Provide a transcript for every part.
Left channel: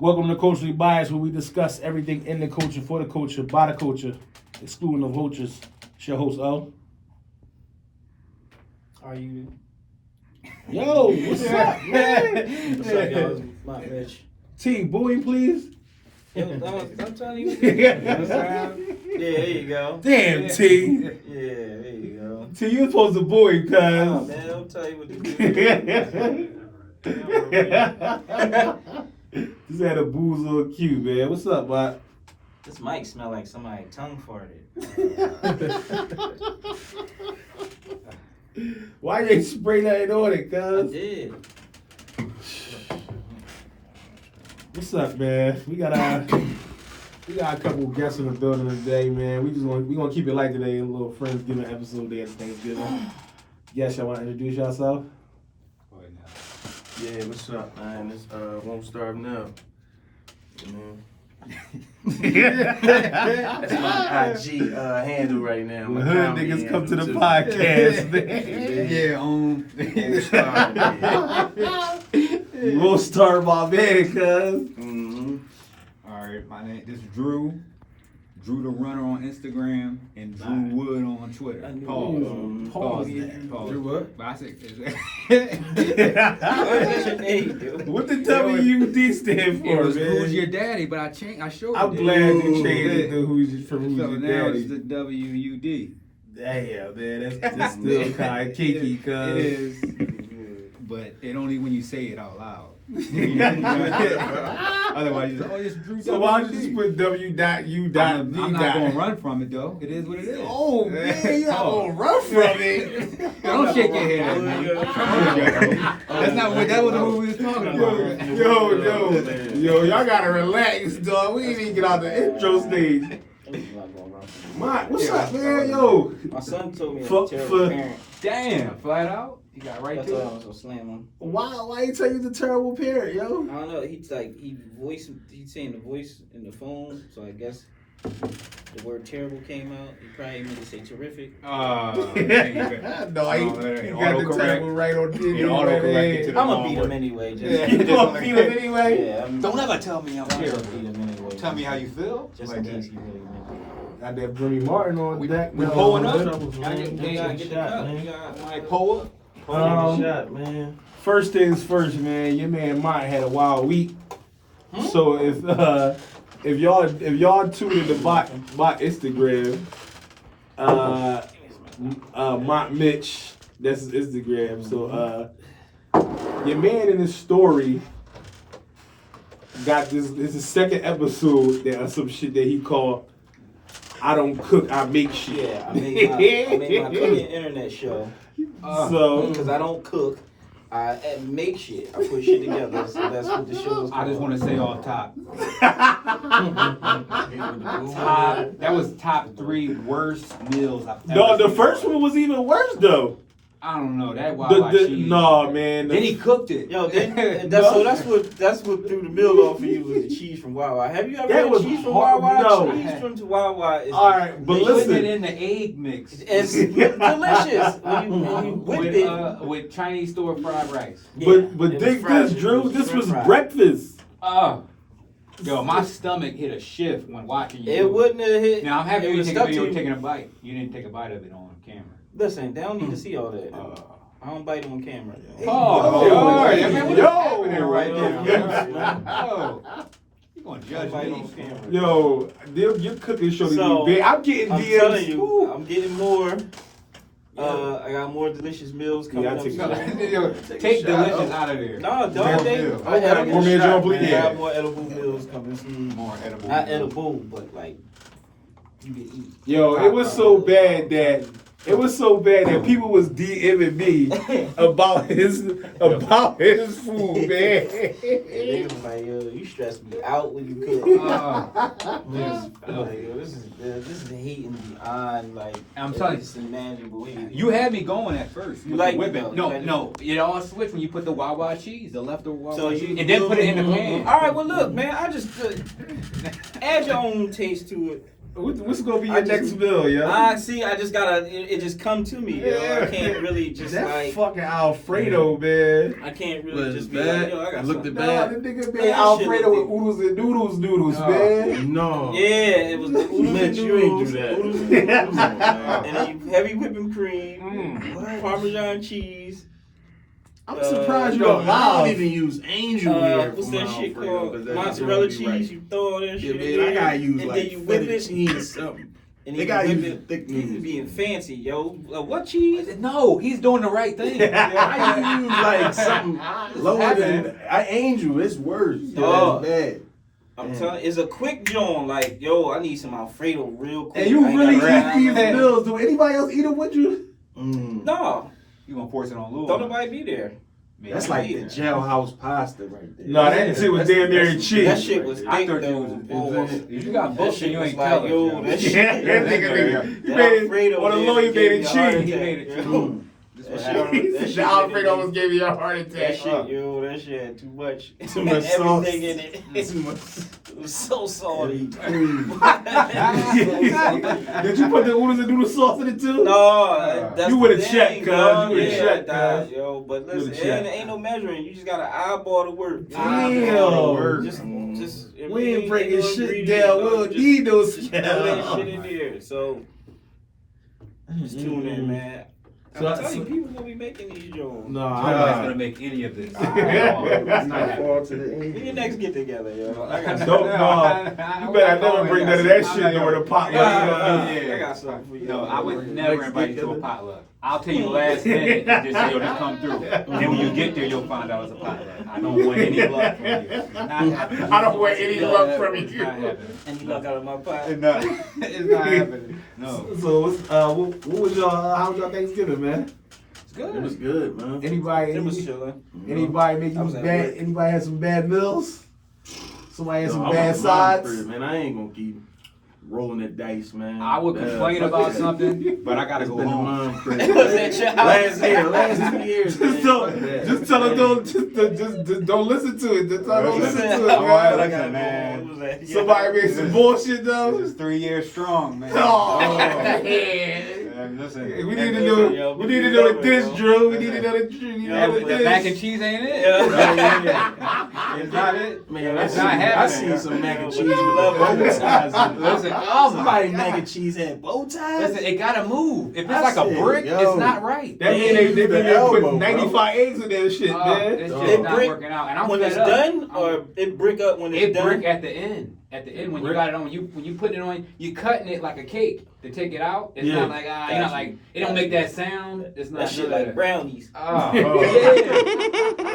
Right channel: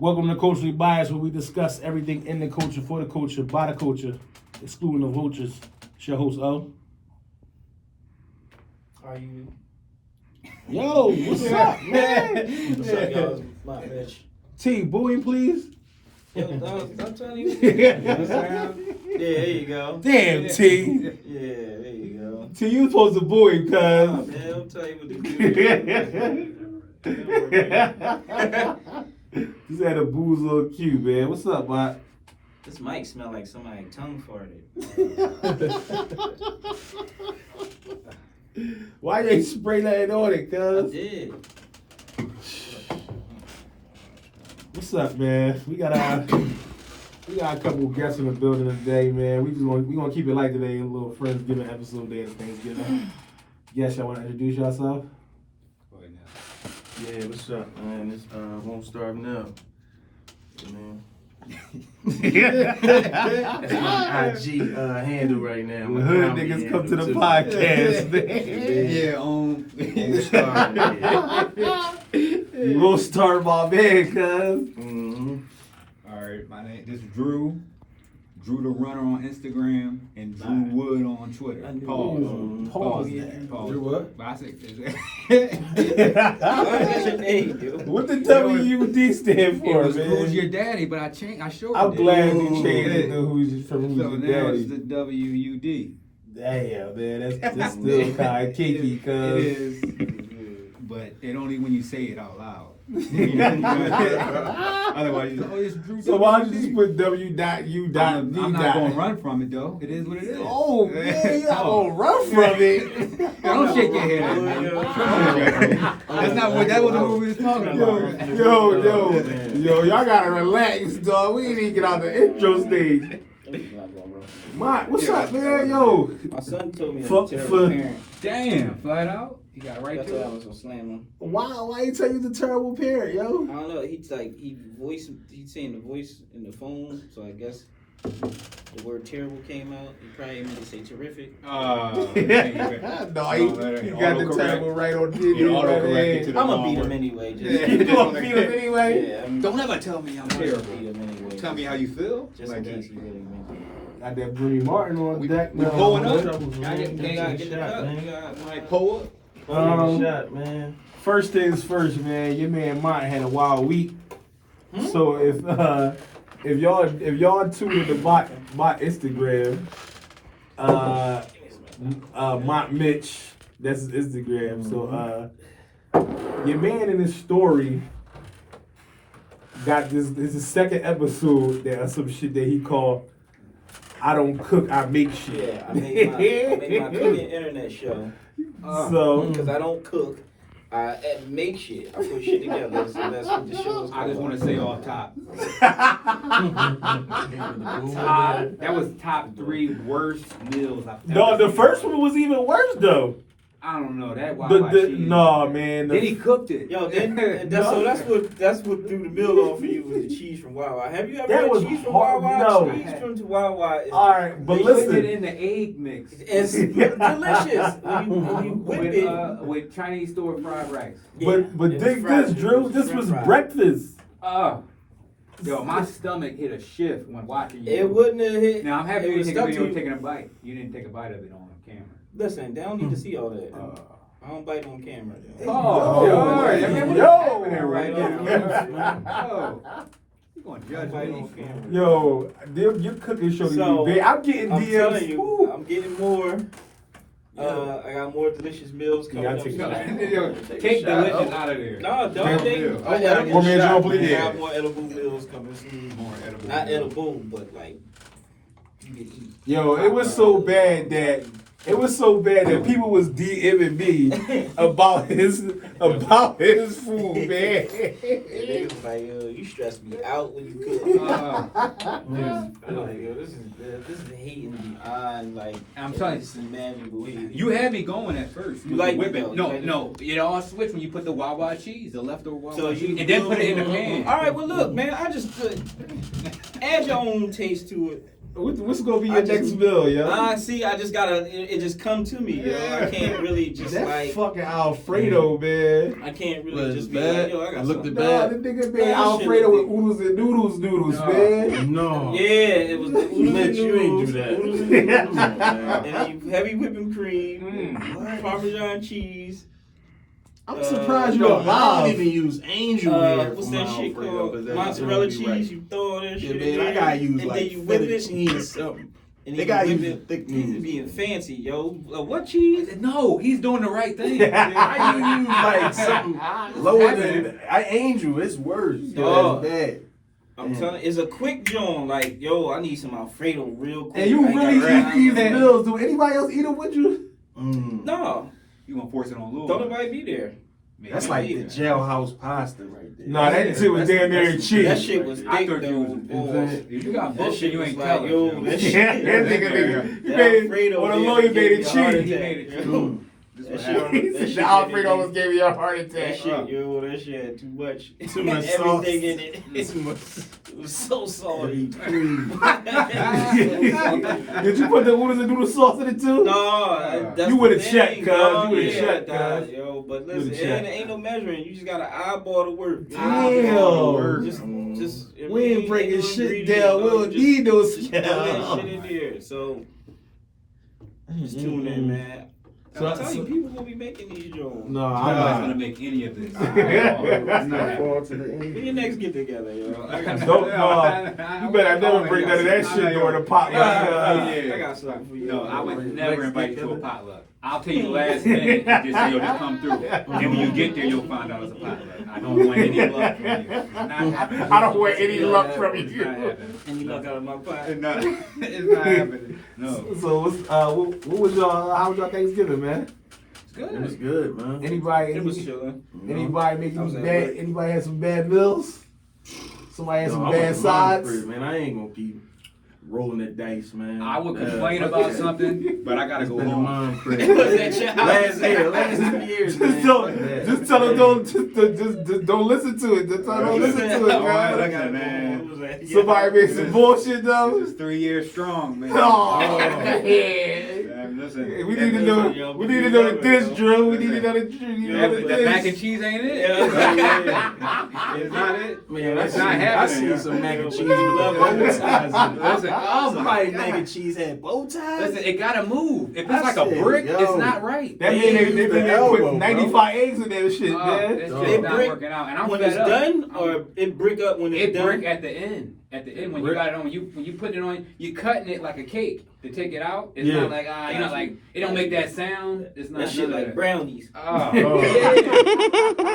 Welcome to Culturally Biased, where we discuss everything in the culture, for the culture, by the culture, excluding the vultures. It's your host, O. Are you? Yo, what's up, man? What's up, y'all? My Rich. T, booing, please. Yo, I'm telling you. Yeah, there you go. damn, T. Yeah, there you go. T, you supposed to booing, cuz. Oh, man, I'll tell you what to do. Just had a booze little cue, man. What's up, bud? This mic smell like somebody tongue farted. Why you ain't spray nothing on it, I cuz? did. What's up, man? We got a couple guests in the building today, man. We gonna keep it light today in a little Friendsgiving episode day of Thanksgiving. Yes, y'all wanna introduce yourself? Yeah, what's up, man? It's Won't Starve Now. Yeah, man. That's my IG handle right now. The hood niggas come to the podcast, man. Yeah, We'll start my man, cuz. Mm-hmm. All right, my name this is Drew. Drew the Runner on Instagram and Drew Wood on Twitter. Pause. Pause. Drew what? But I said, What's your name, dude? What the WUD stand for, it was man? Who's Your Daddy, but I showed I'm it. glad you changed it to Who's So Your now Daddy. it's the WUD. Damn, man, that's still kind of kinky, cuz. It is. But it only when you say it out loud. Otherwise, you say, oh, it's Drew. So why don't you WUD. just put W.U. I'm not going to run from it, though. It is what it is. Oh, man, y'all gonna run from it. Don't shake your head at me. That's not what that was the movie we was talking about. Yo, y'all gotta relax, dog. We ain't even get out the intro stage. What's up, man? Yo. My son told me I'm Fuck a terrible for- parent. Damn, flat out. You got right That's to why I it. was gonna slam him. Why you tell you the terrible parent, yo? I don't know. He's saying the voice in the phone, so I guess the word terrible came out. He probably meant to say terrific. No, he got the terrible right on the I'm gonna beat him anyway. You gonna beat him anyway? Yeah, Don't ever tell me I'm I'm gonna terrible. beat him anyway. Tell me how you feel. Just in case he really meant it. Got that Brimmy Martin on deck. we now, pulling man. up? Y'all get the shot, man. You Like, pull up. Shot, man. First things first, man. Your man Mott had a wild week. So if y'all tuned in my Instagram, Mott Mitch, that's his Instagram. So your man in his story got this. This is the second episode that some shit that he called "I Don't Cook, I Make Shit." Yeah, I made my cooking internet show. So Because I don't cook, I make shit. I put shit together. So that's what the show is called. I just want to say off top. That was top 3 worst meals I've ever no, the seen. first one was even worse though. I don't know that. Wild cheese. Nah, man. Then he cooked it. Yo, that's what threw the meal off for you was the cheese from Wawa. Have you ever That had was cheese from hard- Wawa? no. Cheese from Wawa is All right, but They put it listen. in the egg mix. it's delicious when you whip it. With Chinese store fried rice. Yeah, But it was dig fried. this, Drew. It was This was fried. breakfast. Yo, my stomach hit a shift when watching you. It wouldn't have hit. Now I'm happy it you was didn't take a stuck video to of you. taking a bite. You didn't take a bite of it on camera. Listen, they don't need to see all that. I don't bite on camera. Hey, Oh, yo, all right. I mean, what's yo. happening right Yeah. now? Oh, you gonna I judge don't bite me? on camera. Yo, your cooking show to So, be big. I'm getting I'm DMs. telling you, Woo. I'm getting more. I got more delicious meals coming Yeah, I up. take No, a yo, take delicious out of there. No, Damn, don't they? deal. I gotta get a shot, please. I Yeah. have more edible meals coming soon. More edible. Not edible, but like you can eat. Yo, it was so bad that It was so bad that people was DMing me about his food, man. They was like, yo, you stressed me out when you cook. Like, yo, this is hating beyond like. I'm telling you, it's imaginable hate. you had me going at first. You like whip it, it. though. No, it all switched when you put the Wawa cheese, the leftover Wawa So cheese, you and then put it in the pan. All right, well look, man, I just add your own taste to it. What's gonna be your next meal, yo? I just gotta. It just come to me, yo. I can't really just that like. fucking Alfredo, man. I can't really Was just be bad? like, yo, I got Looked something. at bad. Nah, the nigga made Man, that Alfredo shit with oodles and noodles, man. No. Yeah, it was the oodles Mitch, and you ain't noodles, do that. oodles and noodles, and then you heavy whipping cream, Parmesan cheese. I'm surprised you yo, don't. I don't even use angel hair What's for that my shit Alfredo, called? 'cause that Mozzarella don't be cheese. right. You throw all that Yeah, shit in man, there, I gotta use and then like you whip feta it. cheese something. And They then gotta you use whip the it. thick You news. being fancy, yo. What cheese? No, he's doing the right thing. I use like something lower than angel. It's worse. Oh. It's bad. I'm telling you, it's a quick joint. Like, yo, I need some Alfredo real quick. And you I ain't really got eat right these now. meals? Do anybody else eat them with you? No, You gonna force it on Lou? don't nobody be there. That's like the jailhouse pasta right there. No, that shit was damn near cheap. That shit was I thick thought you though. was Balls. You got That bullshit. shit You was ain't like, telling. yo, that Yeah, shit. that nigga That made Alfredo or the there lawyer gave made me it a heart cheap. attack, He made it yo. cheap. That shit- The Alfredo almost gave me a heart attack. That shit, yo, that shit had too much. Too much sauce. Everything in it. It was so salty. Did you put the oodles and noodle sauce in it too? No, that's You the would've thing, checked, cuz. dog. You would've Yeah, checked, dog, cuz. yo. But You would've listen, checked. ain't no measuring. You just gotta eyeball the work. You know? Damn. Eyeball the work. Just We ain't breaking no shit ingredients, down. no, We don't just- need those Just throw that scales. shit in there. So just tune in, man. So- I'm telling you, people gonna be making these jokes. No, I'm I'm not not. gonna make any of this. I'm not fall to the When your angel. next get together, yo. I got Don't, no, you better never bring none of that shit during the potluck. I got something for you. No, I would never Next invite you to a get-together. potluck. I'll tell you last minute and just say, yo, just come through. And when you get there, you'll find out it's a potluck. I don't want any luck from you. Not happening. I don't want any luck from It's you. not happening. And you luck out of my pocket. It's not, it's not happening. No. So, what was y'all? How was y'all Thanksgiving, man? It was good, man. Anybody? It was chilling. Anybody make I was some at bad? work. Anybody had some bad meals? Somebody had some No, I'm bad a sides. mind freak, man. I ain't gonna keep rolling the dice, man. I would complain about something, but I gotta It's go been a home. mind freak. Was that your house? Last 2 years, man. Just tell them just don't listen to it. Just tell them don't listen to it, Oh, I man. got it, man. Somebody made some bullshit though. This is 3 years strong, man. Oh, And listen, we need to know. We need to know the dish drill. We need to know the drill. We need to know the the mac and dish. cheese ain't it? Yeah. It's not it. Man, It's I not seen happening. some mac and cheese with bow ties. Listen, oh Somebody my. mac and cheese had bow ties. Listen, it gotta move. If it's I like a said, brick, yo. it's not right. That mean they The put elbow, 95 eggs in that shit, It's man. just It not brick working out. And I'm when fed it's up. done, or it brick up when it's It done. brick at the end. At the end when Brick. you got it on, when you put it on, you cutting it like a cake to take it out. It's Yeah. not like you're not like it don't make that sound. It's not That shit none of like that. brownies. Oh,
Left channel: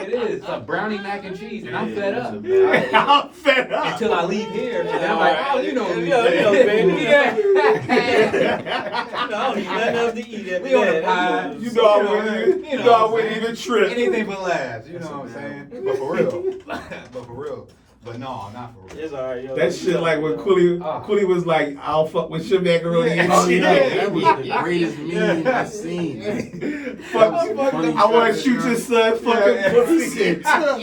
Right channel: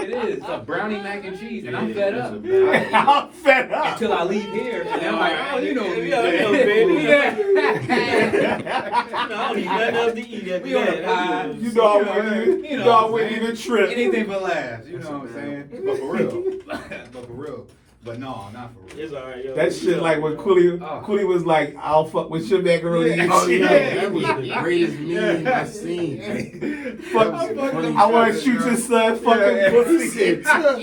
it is. It's a brownie mac and cheese, and I'm fed up. I'm fed up. Until I leave here, and I'm like, oh, you know me. Yeah, I know, baby. Yeah. I don't need nothing else to eat after We on the that. pie. You know I wouldn't even. You know I wouldn't even trip. Anything but laughs, you know what I'm saying? But for real. But for real. But no, not for real. It's alright, yo. That shit like when Cooley was like, I'll fuck with your macaroni and Oh, cheese. yeah, that was the greatest meme I've seen. Fuck, I want to shoot your son fucking He pussy. said, "Tuck."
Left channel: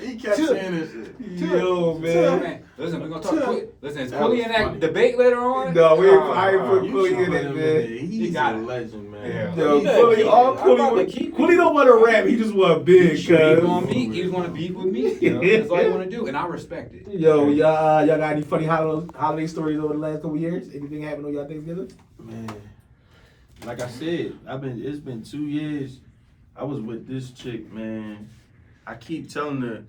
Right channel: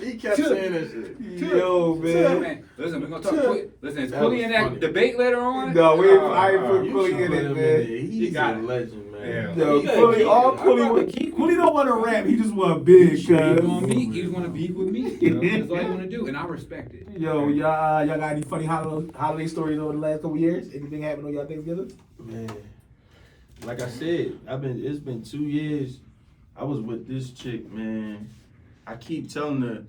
He kept saying that shit. Yo, man. Listen, we're gonna talk. Listen, is Cooley in that funny. debate later on? No, I ain't put You Cooley should in put it, him man. there. He's got a it. legend, man. Yeah. Yo, Yeah, Cooley, all I'm Cooley about to was, keep Cooley don't want to rap, he just want big, He want cuz. me. He want to beef with me. You know, that's all he want to do, and I respect it. Yo, y'all got any funny holiday stories over the last couple years? Anything happened on y'all Thanksgiving? Man, like I said, it's been 2 years. I was with this chick, man. I keep telling her,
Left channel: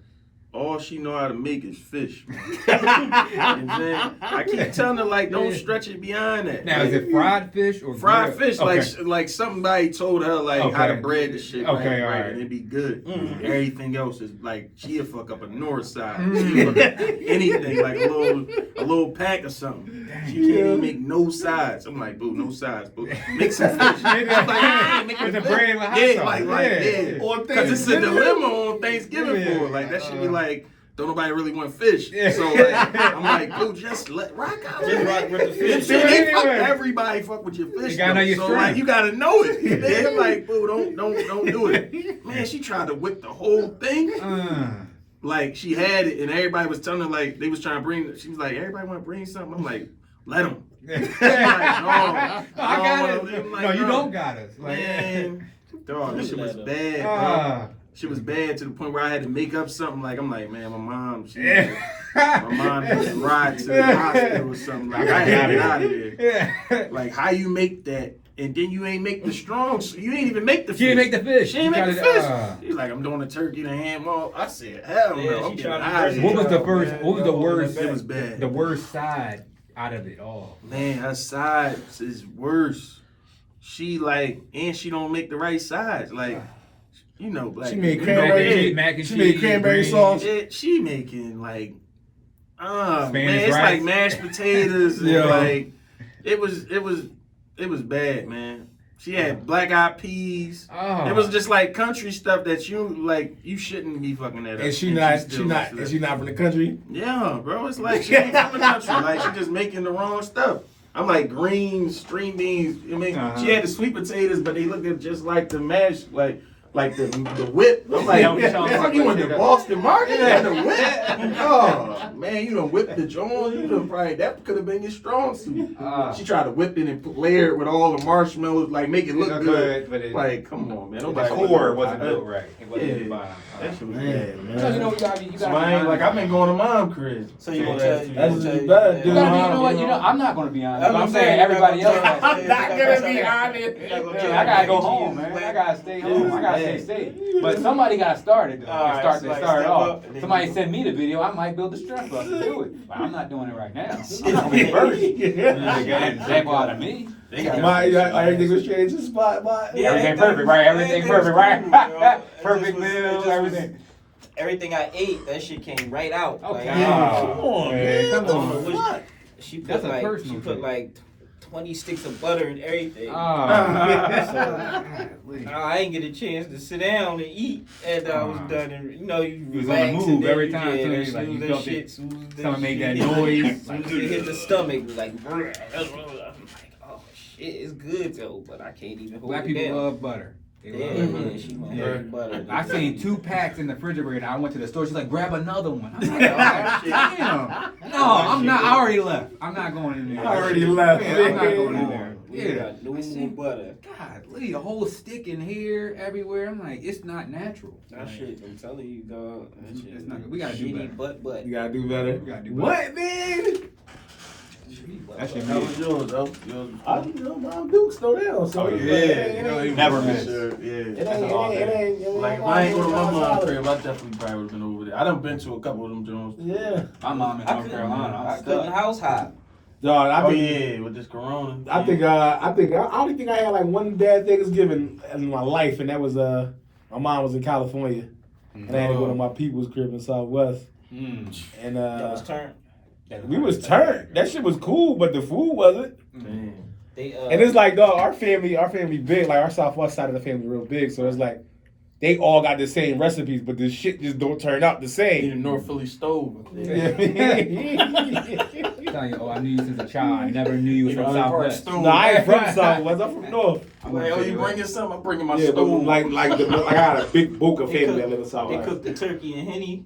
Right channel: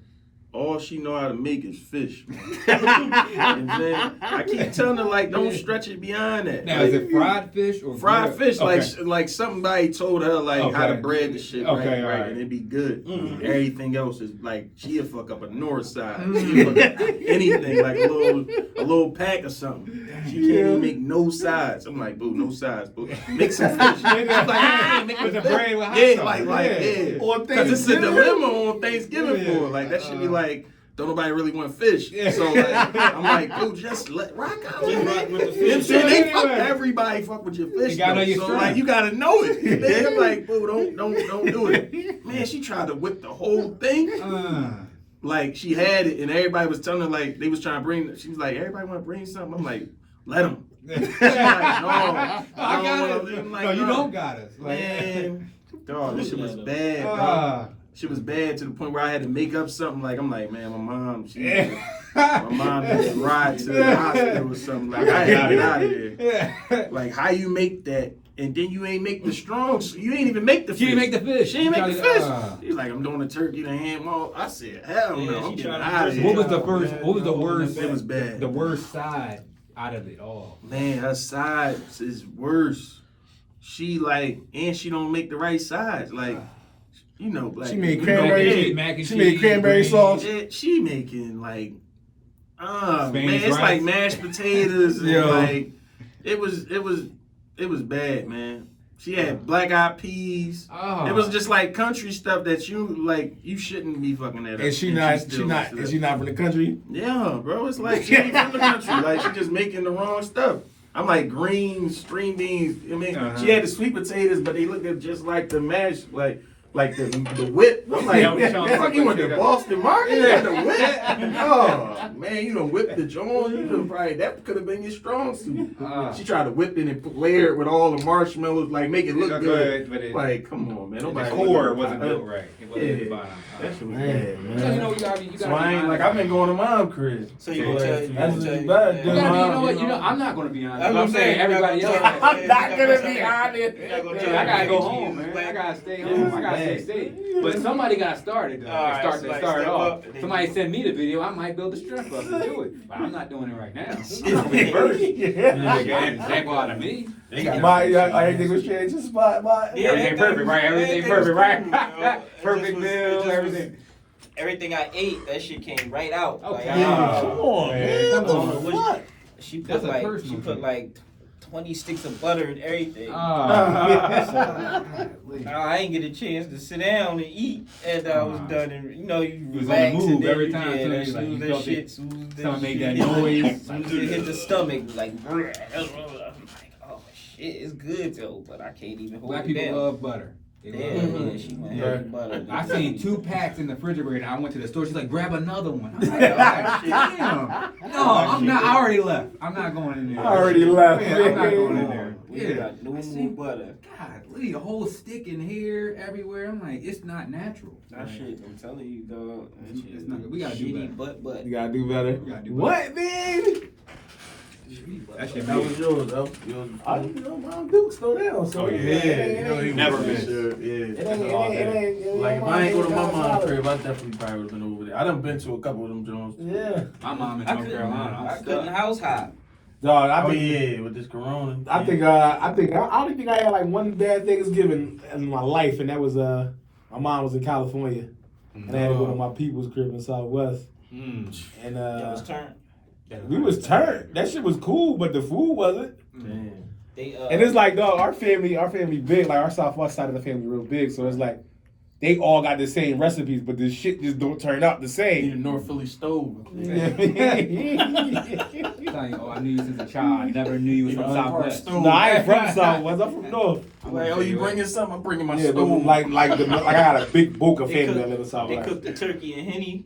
all she know how to make is fish. And then I keep telling her, like, don't stretch it beyond that. Now, Like, is it fried fish or fried grilled? fish, Okay. like somebody told her like how to bread the shit Okay, right, alright. and it'd be good. Everything else is like she'll fuck up a north side, she'll fuck up anything like a little pack or something. She can't even make no sides. I'm like, boo, no sides, boo. Make some fish. She's like, yeah, make With the fish. bread with hot Yeah, sauce. like Yeah. On because it's a Thanksgiving. dilemma on Thanksgiving for her. Like that should be like. Don't nobody really want fish. So like, I'm like, boo, just rock out. Just rock with the You fish. see, they fuck everybody fuck with your fish. You gotta know though. your So strength. like you gotta know it. And then I'm like, boo, don't do it. Man, she tried to whip the whole thing. Like she had it, and everybody was telling her like they was trying to bring. She was like, everybody want to bring something. I'm like, let them. She's like, no, I got don't it. wanna- I'm like, No, you no. don't got us. Man, dog, this shit was bad, bro. Shit was bad to the point where I had to make up something. Like I'm like, man, my mom had to ride to the hospital or something. Like I had to get out of there. Like how you make that, and then you ain't make the strong. You ain't even make the fish. She didn't make the fish. She ain't make the You fish. tried to- She's like, I'm doing the turkey, the ham. Well, I said, hell no. Yeah, I'm she getting tried to out of do here. What was the Oh, first? man. What was the worst? It was bad. The worst side out of it all. Man, her sides is worse. She like, and she don't make the right sides. Like, you know, like She made you cranberry- know, mac and She made cheese, cranberry green. sauce. she making like, man, Spanish it's rice. like mashed potatoes and Yeah. like, it was bad, man. She had black eyed peas. Oh. It was just like country stuff that you shouldn't be fucking that up. And she still not likes it. is she not from the country? Yeah, bro, it's like she ain't from the country. Like she just making the wrong stuff. I'm like greens, string beans. I mean, she had the sweet potatoes, but they looked just like the mash, like the whip. I'm like, Yeah, we trying to you went to like that. Boston Market and the whip? Oh man, you done whipped the joint. You done probably that could have been your strong suit. She tried to whip it and layer it with all the marshmallows, like make it look good. But Like, come on, man, the nobody. core wasn't built right. It wasn't Yeah. fine. That shit was Man, bad, man. man. You know, you So I ain't like I've been going to mom crib. So you gonna tell you? That's gonna tell bad, you- dude. You You know what? You know, I'm not gonna be honest. I'm I'm gonna saying say, everybody else. I'm I'm not gonna be honest. I gotta go home, man. I gotta stay home. I gotta stay safe. But somebody got started. Alright, Start somebody start step off. up and then Somebody you- send me the video. I might build the strength up to do it. But I'm not doing it right now. I'm not gonna be first. Thank God of me. Everything was changed. Just my. Yeah, Everything perfect, right? Everything perfect, right? Perfect meal, everything. Everything I ate, that shit came right out. Okay. Like, Yeah, come on, man. Come I don't know on. what she put That's a like personal she put thing. like 20 sticks of butter and everything. Oh. I ain't get a chance to sit down and eat after I was done, and you know you was on the relax move and then every you- time, yeah, too. as Like, soon you as that felt shit, it. soon as that Someone made shit that noise. as soon as it hit the stomach, like I'm like, oh shit, it's good though, but I can't even hold Black it people down. love butter. They Yeah, love butter. yeah, she went Yeah. heavy butter. I seen 2 packs in the refrigerator. I went to the store. She's like, grab another one. I'm like, oh, damn. No, I'm not. I already left. I'm not going in there. I already left. Yeah, I'm not going in there. We Yeah. got no I more seen- butter. God, leave a whole stick in here, everywhere. I'm like, it's not natural. That shit, I'm telling you, dog. That shit It's not good. We gotta do shitty better. butt. You gotta do better. We gotta do What, man? That shit How was yours, though? I'm Duke still down. So Oh, yeah. it ain't- Never miss. Yeah. It ain't. Like if I ain't go to my mom's crib, I definitely probably would have been over there. I done been to a couple of them joints. Yeah. My mom in I North couldn't, Carolina. I couldn't house hop. Dog, I Oh think. yeah, with this corona. I only think I had like one bad Thanksgiving in my life, and that was my mom was in California, and I had to go to my people's crib in Southwest, and That was turned. we was turned. That shit was cool, but the food wasn't. Damn. They And it's like, dog, our family big, like our Southwest side of the family real big, so it's like they all got the same recipes, but the shit just don't turn out the Need a same. North Philly stove. Telling you, oh, I knew you since a child. I never knew you was from Southwest. No, I ain't from Southwest. I'm from North. I'm like, oh, you bringing something? I'm bringing my Yeah, but stove. like I got a big bulk of They family cook- that live in They Southwest. cooked the turkey and henny.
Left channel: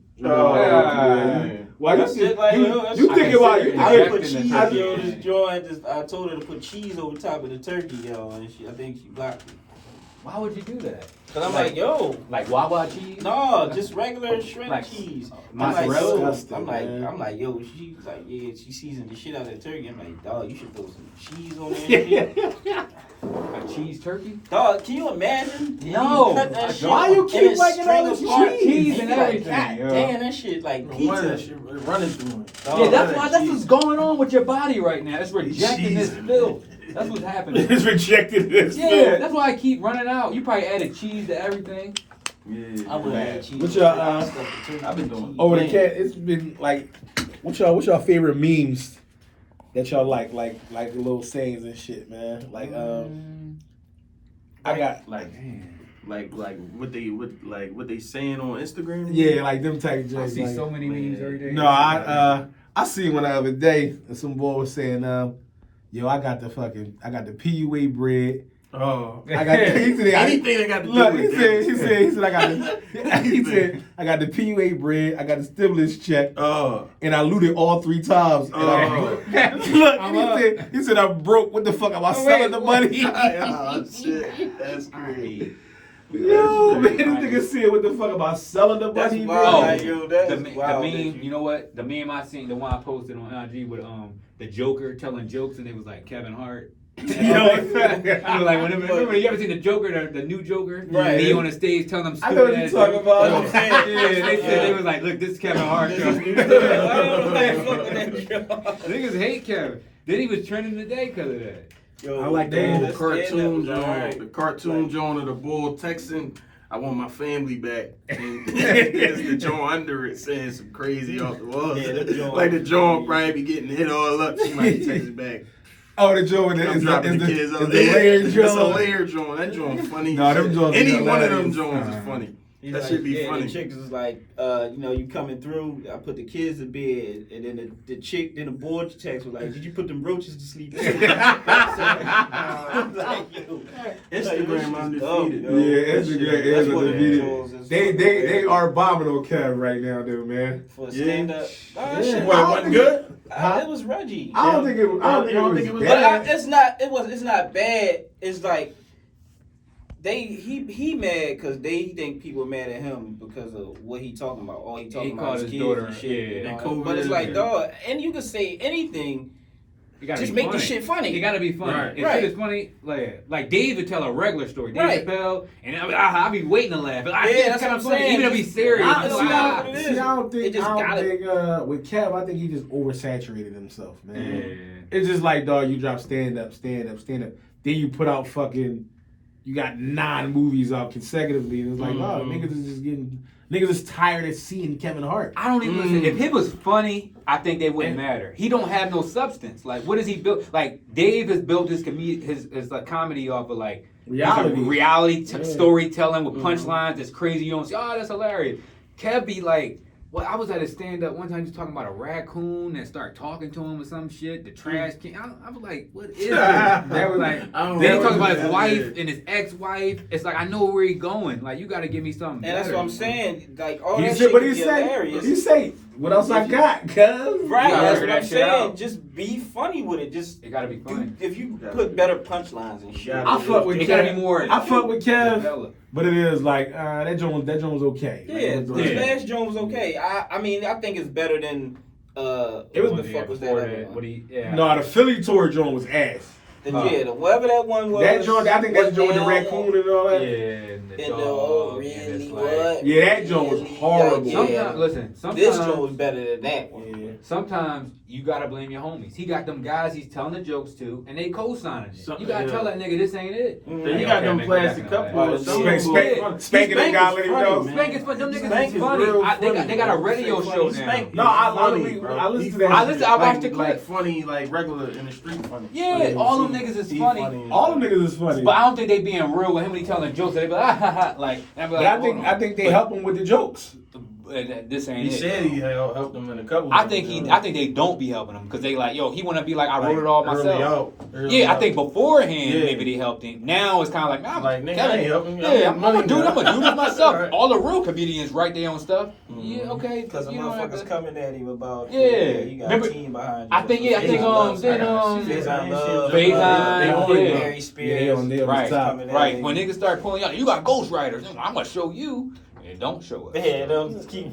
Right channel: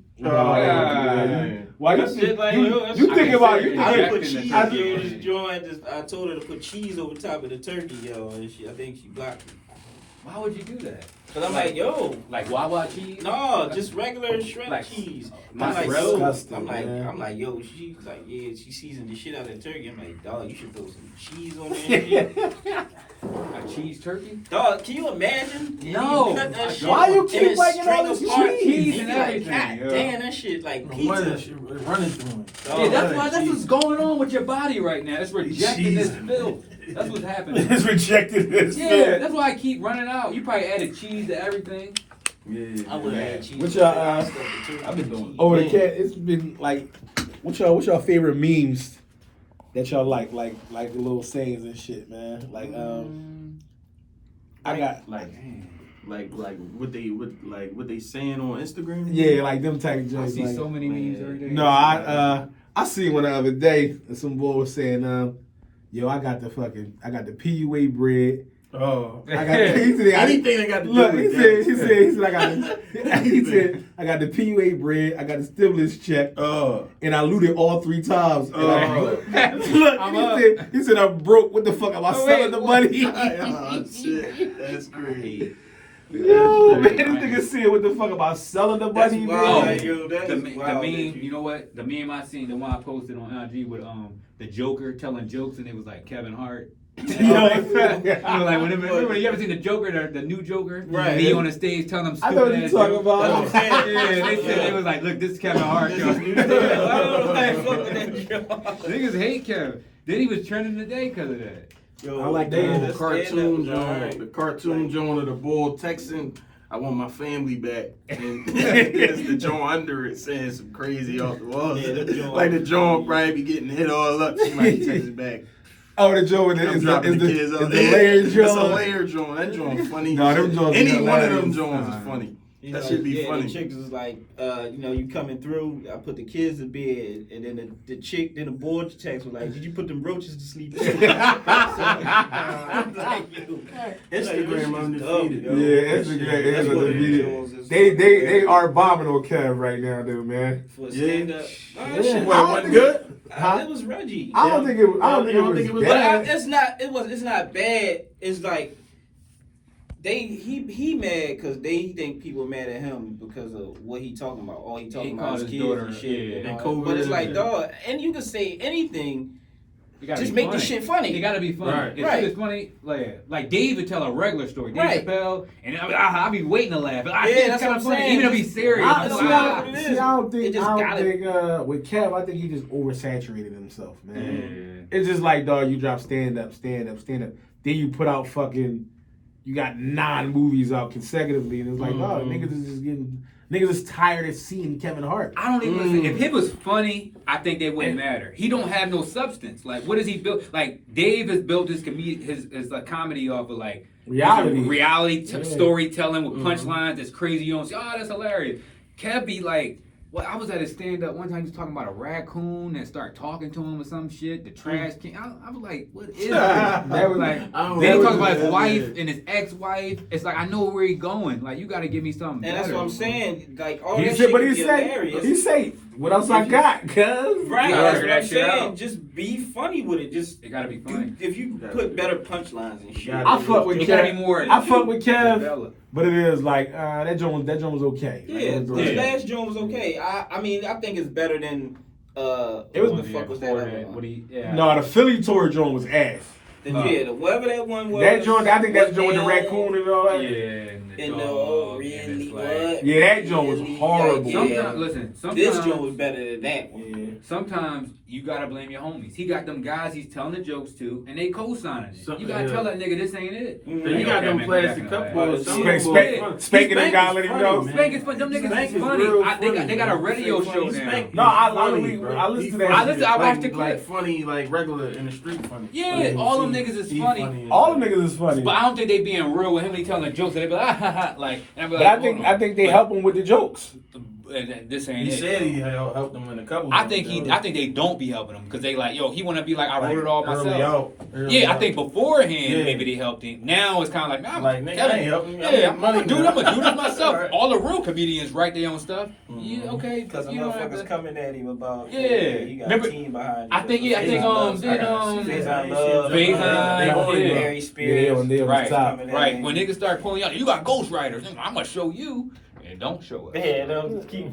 Why That shit like, yo, that you shit- think about you? I Yeah. put cheese, I- yo. This joint, I told her to put cheese over top of the turkey, yo, and I think she blocked me. Why would you do that? Cause I'm like, yo, Like Wawa cheese? no, just regular shred Like, cheese. I'm that's like, yo, disgusting, man. I'm like, yo. She's like, yeah, she seasoned the shit out of the turkey. I'm like, dog, you should throw some cheese on there. And shit. Like cheese turkey? Dog, can you imagine? No. You cut that shit Why you and keep it's liking all string this apart. cheese You and be like, everything, God yo. damn, that shit like That pizza. shit running through me. Yeah, that's what's going on with your body right now. It's rejecting this filth. That's what's happening. It's rejected this. Yeah, that's why I keep running out. You probably added cheese to everything. Yeah. I would add cheese. What y'all, I've been doing. Over the cat, it's been like, what's y'all favorite memes that y'all like little sayings and shit, man? Like, I got like what they saying on Instagram. yeah, like them type I joints. see like, so many memes every day. No, I seen one the other day. And some boy was saying, yo, I got the PUA bread. Oh, I got he said, anything that got to do look. with He said I got the PUA bread. I got the stimulus check. And I looted all 3 times. And look, and he said I'm broke. What the fuck? Am I selling the money? Oh shit, that's crazy. Yo, man, this nigga said what the fuck about selling the That's money, wild. man? Yo, that the is meme, wild. you know what? The meme I seen, the one I posted on IG with the Joker telling jokes, and it was like Kevin Hart. I was like, remember you ever seen the Joker, the new Joker? Right. He on the stage telling them I know what stupid you ass talking jokes. about. That's what I'm saying. Yeah, they said they was like, look, this is Kevin Hart. This Yo. is new stuff. I don't know fuck with that joke. Niggas hate Kevin. Then he was trending today because of that. Yo, I like The that. little cartoon stand-up, joint, alright. the cartoon joint of the bull texting, I want my family back. And there's the joint under it saying some crazy off the wall. Yeah, that joint- like the joint probably be getting hit all up. She might text it back. Oh, the joint I'm is dropping the the kids is up. the layered It's a joint. layer joint. That joint funny. No, them joints Any is one of them hilarious. joints is funny. He's That like, should be yeah, funny. The chick is like, you coming through. I put the kids to bed, and then the chick, then the boy text was like, "Did you put them roaches to sleep?" I'm like, yo, Instagram undefeated. Yeah, Instagram is undefeated. They are bombing on Kev right now, dude, man. For stand up. Yeah. What, wasn't good? It was Reggie. I don't think it was bad. It's not bad. It's like he mad because they think people mad at him because of what he talking about. All he talking about is kids and shit. yeah, and and but it's like, COVID. dog, and you can say anything. Just be make the funny. shit funny. It gotta be funny. Right. If Right. shit is funny, like Dave would tell a regular story. Dave Right. Chappelle, and I'll be waiting to laugh. I think that's it's kind what of I'm funny, saying. even if he's serious. I- I'm it's like, not what it is. I don't think, It just gotta- with Kev, I think he just oversaturated himself, man. Yeah. It's just like, dog, you drop stand up. Then you put out you got 9 movies out consecutively, and it's like, dog, niggas is tired of seeing Kevin Hart. I don't even listen. If it was funny, I think they wouldn't matter. He don't have no substance. Like, what has he built? Like, Dave has built his comedy off of like reality storytelling with punchlines. That's crazy. You don't say, oh, that's hilarious. Kev be like, well, I was at a stand up one time. He was talking about a raccoon that started talking to him or some shit. The trash can. I was like, what is this? That was like. Then he talks about his wife and his ex-wife. It's like, I know where he's going. Like, you got to give me something. And that's better. what I'm saying. Like all that shit But can he be say, hilarious. he say, what else I got, cuz? Right, You gotta that's figure what that I'm shit saying. out. Just be funny with it. Just It gotta be funny. if you put better punchlines and shit. I fuck with It gotta be Kev. more. I fuck with Kev, developed. but it is like that joint was okay. Like, Yeah, it was his okay. last joint was okay. I mean, I think it's better than It was what the fuck was that other What one? he? Yeah. No, the Philly tour joint was ass. Whatever that one was. That joint, I think that joint with the now, raccoon and all that. And And really what? Yeah, that joint was Really, horrible. like, yeah. Sometimes, listen. This joint was better than that one. Yeah. Sometimes you gotta blame your homies. He got them guys he's telling the jokes to, and they co-signing it. You gotta tell that nigga this ain't it. Then you got them plastic cup holders. Some of them Spanking that guy, let him know. Spank is funny. Them niggas Spank is is funny. real They got a radio show now. Spank No, I funny, literally- bro. I listened He to that funny. shit. I watched the like clip. funny, like regular in the street funny. Yeah, all them niggas is funny. All them niggas is funny. But I don't think they being real with him when he telling jokes. They be like, ah, ha, ha, like. And be But like, I think they help him with the jokes. This ain't He it. said he helped them in a couple. I think they don't be helping him because they like, yo, he want to be like, I wrote it all early myself. out. Yeah, I think beforehand Yeah. maybe they helped him. Now it's kind of like, nah, Like, nigga, Kevin, I ain't helping you. Yeah, I'm gonna do this myself. Right. All the real comedians write their own stuff. Yeah, okay. Because the you know, motherfuckers coming at him about Yeah. you got Remember- a team behind you. I think Faison Love, yeah. Mary Spears. They on Right, top. right. When niggas start pulling out, you got ghostwriters. I'm gonna show you, and don't show us. Yeah, they'll just keep.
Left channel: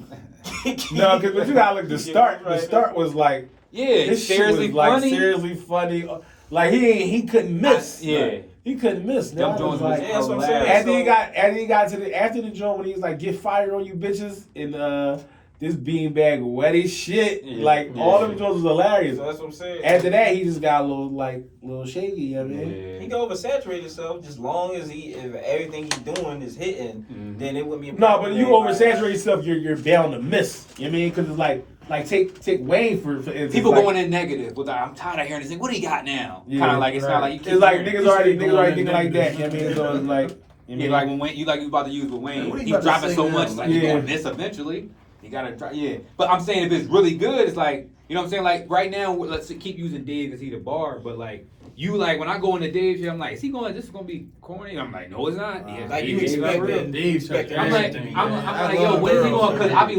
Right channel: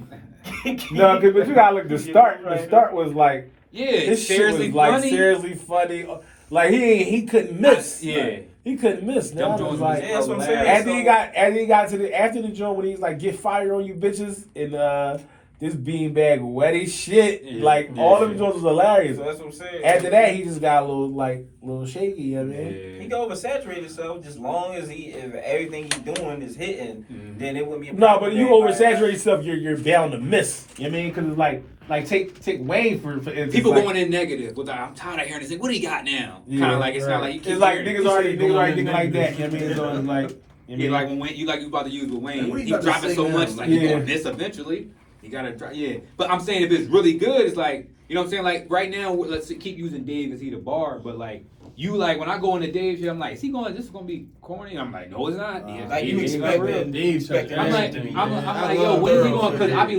No, because you gotta look. The start was like Yeah, this it's shit seriously was like funny. seriously funny. Like he couldn't miss. Yeah. He couldn't miss. Now Them Jones like, Yeah, that's what I'm saying. after he got to the joint when he was like, get fired on you bitches, and this beanbag wet as shit. Yeah. Like all them joints was hilarious. So that's what I'm saying. After that, he just got a little shaky. You know what I mean? Yeah. He can oversaturate himself just long as if everything he's doing is hitting, then it wouldn't be a No, problem. but you oversaturate yourself, you're bound to miss. You know what I mean? Because it's like take Wayne for instance. People like, going in negative. With I'm tired of hearing this thing. What do you got now? Yeah, Kind of like it's not like you keep it's like hearing niggas it. already thinking like that. You know what I mean? So it's like, Yeah, like when Wayne, you about to use with Wayne. What are you He's about to dropping say so now? much, like Yeah. he's going to miss eventually. You gotta try, yeah. But I'm saying if it's really good, it's like, you know what I'm saying? Like right now, let's keep using Dave as he the bar, but like you like when I go into Dave's shit, I'm like, is he going? This is gonna be corny. I'm like, no, it's not. Yeah, Like you Dave is expect real. that. You expect I'm like, everything to be. I'm like, yo, when is he going? Because I be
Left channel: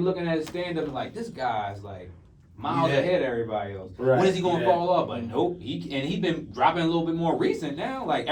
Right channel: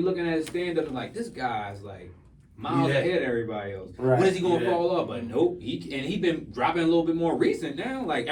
looking at his stand up and like, this guy's like miles ahead of everybody else. Right. When is he gonna fall off? But nope, he been dropping a little bit more recent now. Like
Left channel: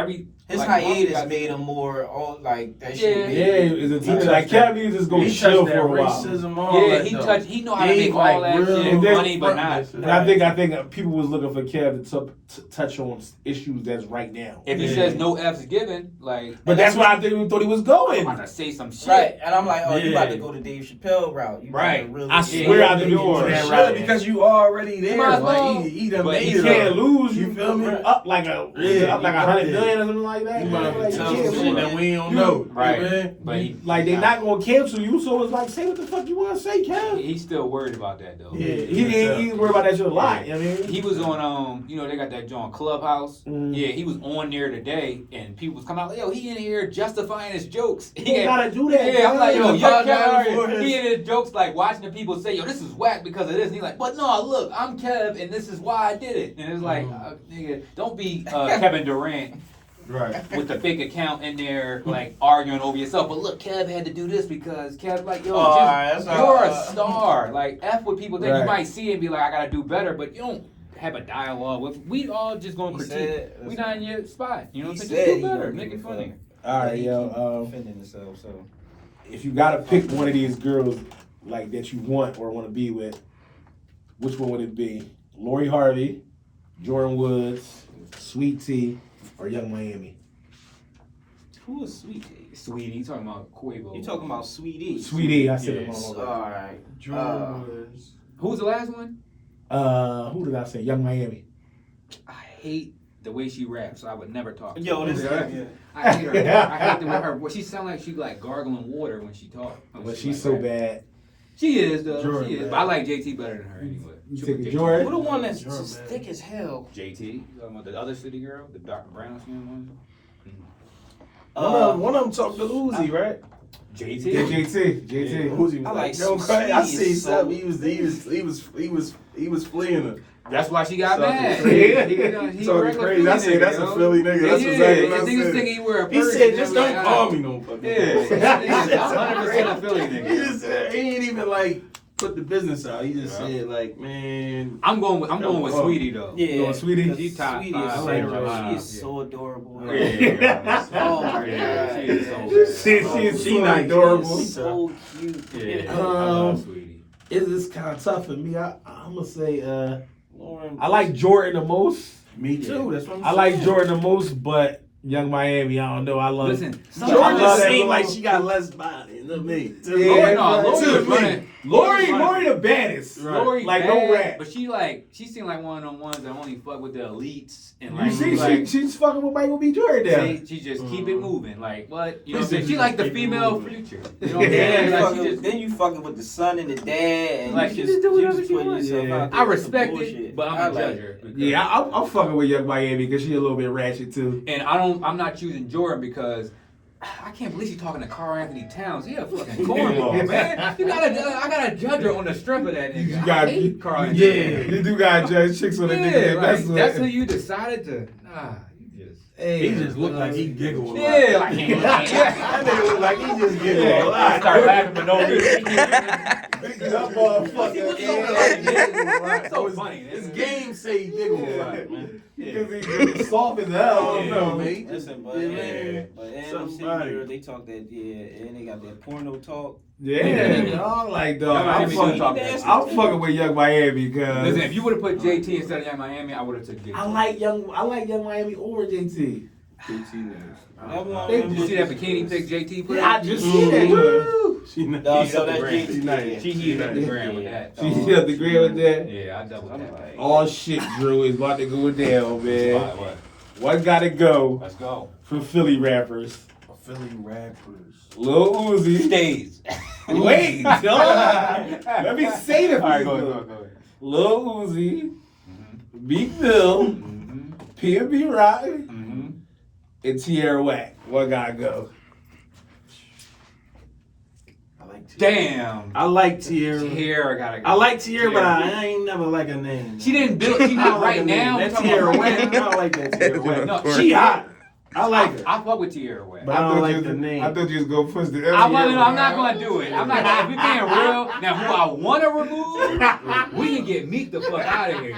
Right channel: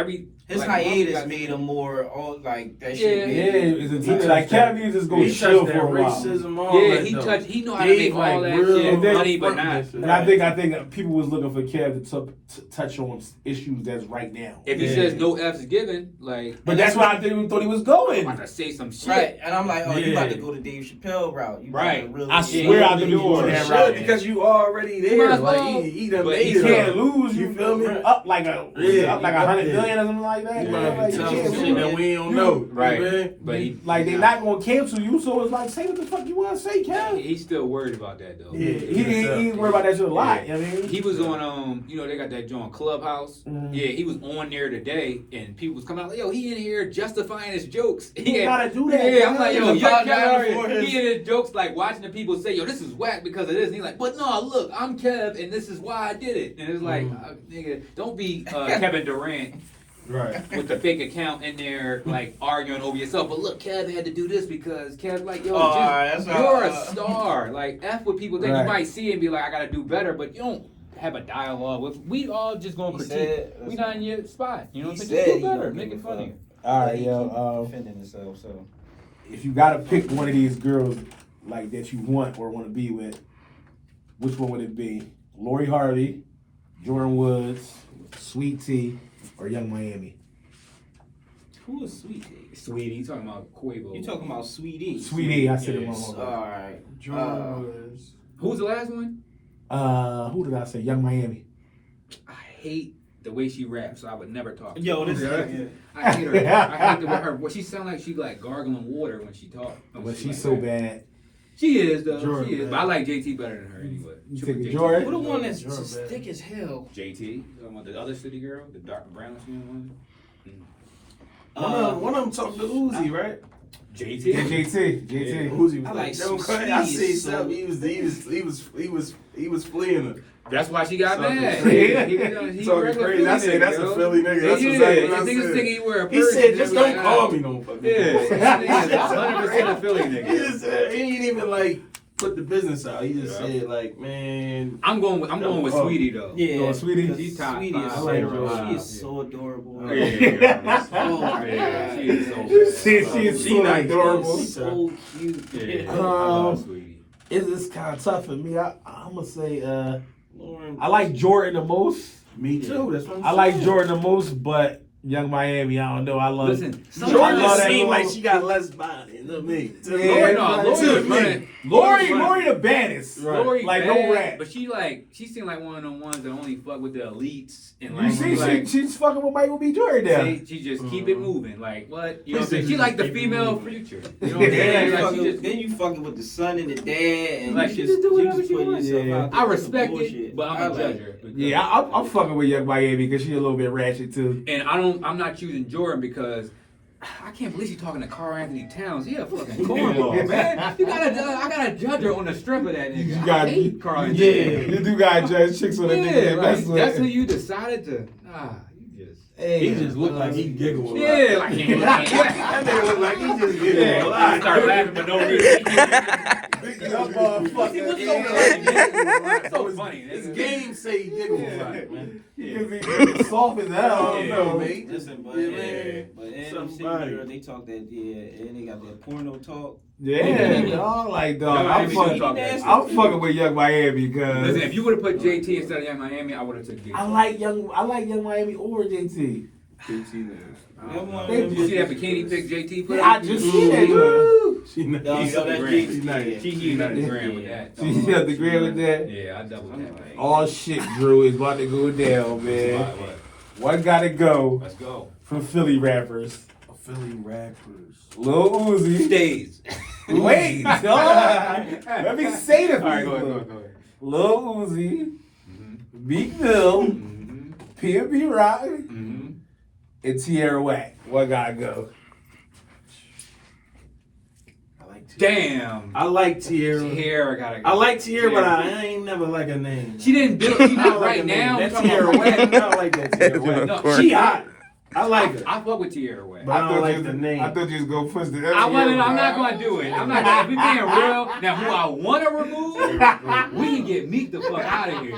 His like, hiatus made him more all like that shit. Yeah. made yeah, it's a like Kev needs to just go chill for a while. He know how to make all that shit money, but not. And I think people was looking for Kev to touch on issues that's right now. If he says no F's given, like. But that's why I thought he was going. I'm about to say some shit. Right, and I'm like, oh, you about to go the Dave Chappelle route. You Right. about to really I swear I think you doing on that route. because you already there. Might as well. Like he done But made You it can't up. lose. You feel me? Up like a Yeah, up like you 100 got million or something like that. You man. might Like, have to you tell can't some shit lose. that we don't know. Right. Man. But he. Like they not gonna cancel you, so it's like say what the fuck you want to say, Kev. He's still worried about that though. Yeah, he's worried about that shit a lot. You know what I mean? He was on they got that joint Clubhouse. Mhm. Yeah, he was on there today, and people was coming out, yo, he in here justifying his jokes. You gotta do that. Yeah, I'm like, yo, He's you're apologizing for Kev. his- He in his jokes, like watching the people say, yo, this is whack because of this. And he's like, but no, look, I'm Kev, and this is why I did it. And it's like, nigga, don't be Kevin Durant. Right. With the fake account in there, like arguing over yourself. But look, Kev had to do this because Kev, like, yo, that's you're not- a star. Like, F with people that you Right. might see and be like, I gotta do better, but you don't have a dialogue with. We all just gonna He critique. said- We not in your spot. You know what He I'm saying? said Just he do better. don't Make give it a funny. fuck. All right, He yo. keep defending himself. So If you gotta pick one of these girls like that you want or want to be with, which one would it be? Lori Harvey, Jordan Woods, Sweet Tea, or Young Miami? who is Sweet? Sweetie, you talking about Quavo? You talking about Sweetie? Sweetie, I said it Yes. wrong. All right. Who's the last one? Who did I say? Young Miami. I hate the way she raps, so I would never talk to Yo, her. this is I hate her. I hate the way her. Well, she sound like she like gargling water when she talk. But she's so bad. She is though. Jordan, she is. man. But I like JT better than her anyway. You Triple take a JT. Jordan? Who the one that's Jordan, just man. thick as hell? JT. You talking about the other city girl, the dark brown skin one? One of them talked to Uzi, right? JT. Yeah, JT. Uzi was I like yo, Sweetie I see so- something. He was fleeing her. That's why she got Something mad. crazy. He Talking regular crazy. I Philly said that's nigga, a yo. Philly nigga. That's Yeah, exactly what I the niggas said. think he wear a He purse. said, just Like, don't call me no fucking. Yeah, He 100% a Philly nigga. just said, he ain't even like put the business out. He just said like, man. I'm going with Oh. Sweetie though. Yeah, Sweetie? She's top Sweetie five. is so, later she on. is so adorable. Oh, yeah. Oh my Yeah, god, she is so She is so nice. adorable. She's so cute. Yeah, I love Sweetie. It's just kind of tough for me. I'm gonna say I like Jordan the most. Me too. That's what I'm I like saying. Jordan the most, but Young Miami, I don't know. I love. Listen, I Jordan love that seemed little- like she got less body than me. To Yeah, me. right. Lori the baddest. Right. Lori Like bad, no rap. but she seemed like one of them ones that only fuck with the elites and You like, see, like she's fucking with Michael B. Jordan now. she just keep it moving. Like what? You know what I'm saying? She She like the keep it female moving. future. You know what I'm saying? Like, she just, Then you fucking with the son and the dad, and Like, you she just just do whatever you she put wants. yourself Yeah. out there. I with respect some it, bullshit. but I I'm a like judger. it. Yeah, I'm fucking with Young Miami because she's a little bit ratchet too. And I'm not choosing Jordan because I can't believe she's talking to Carl Anthony Towns. He a fucking cornball, man. I gotta judge her on the strength of that nigga. You I got- hate Carl Anthony Yeah, Towns. you do got judge chicks on the nigga Yeah, that like, mess with. that's who you decided to. Nah, you just. He just looked like he giggled a lot. Yeah, like That nigga look like he just giggled a lot. start laughing for no reason. That motherfucker. So funny. His game say he giggled a lot, man. Yeah, Because he's soft as hell. I don't know. mate. Listen, but Yeah, yeah, man. but in them city Somebody. girl, they talk that and they got that porno talk. Yeah, dog. Like, dog. I'm fucking with Young Miami because Listen, if you would have put JT instead of Young Miami, I would have took JT. I like Young Miami over JT. JT knows. Did you see that bikini pic JT put? Yeah, I just see that. She knows. No, so that's JT. She nice. She heated the gram with that. She hit the grid with that. Yeah, I doubled that. All shit, Drew, is about to go down, man. What? What gotta go Let's go. for Philly rappers? Philly rappers. Lil Uzi. Stays. Wait, dog. Let me say the All right, go people. ahead. Lil Uzi, Meek Mill, P&B Rock, and Tierra Whack. What gotta go? Damn. I like Tierra. Tierra gotta go. I like Tierra, but I ain't never like her name. She didn't do it. She I did don't right like her now. name. That Tierra Whack. I don't like that Tierra Whack. No, She hot. I like her. I fuck with Tierra Whack. But I don't like the name. I thought you was gonna push the. I'm not gonna do it. I'm not. If we being real, now who I want to remove, we can get Meek the fuck out of here.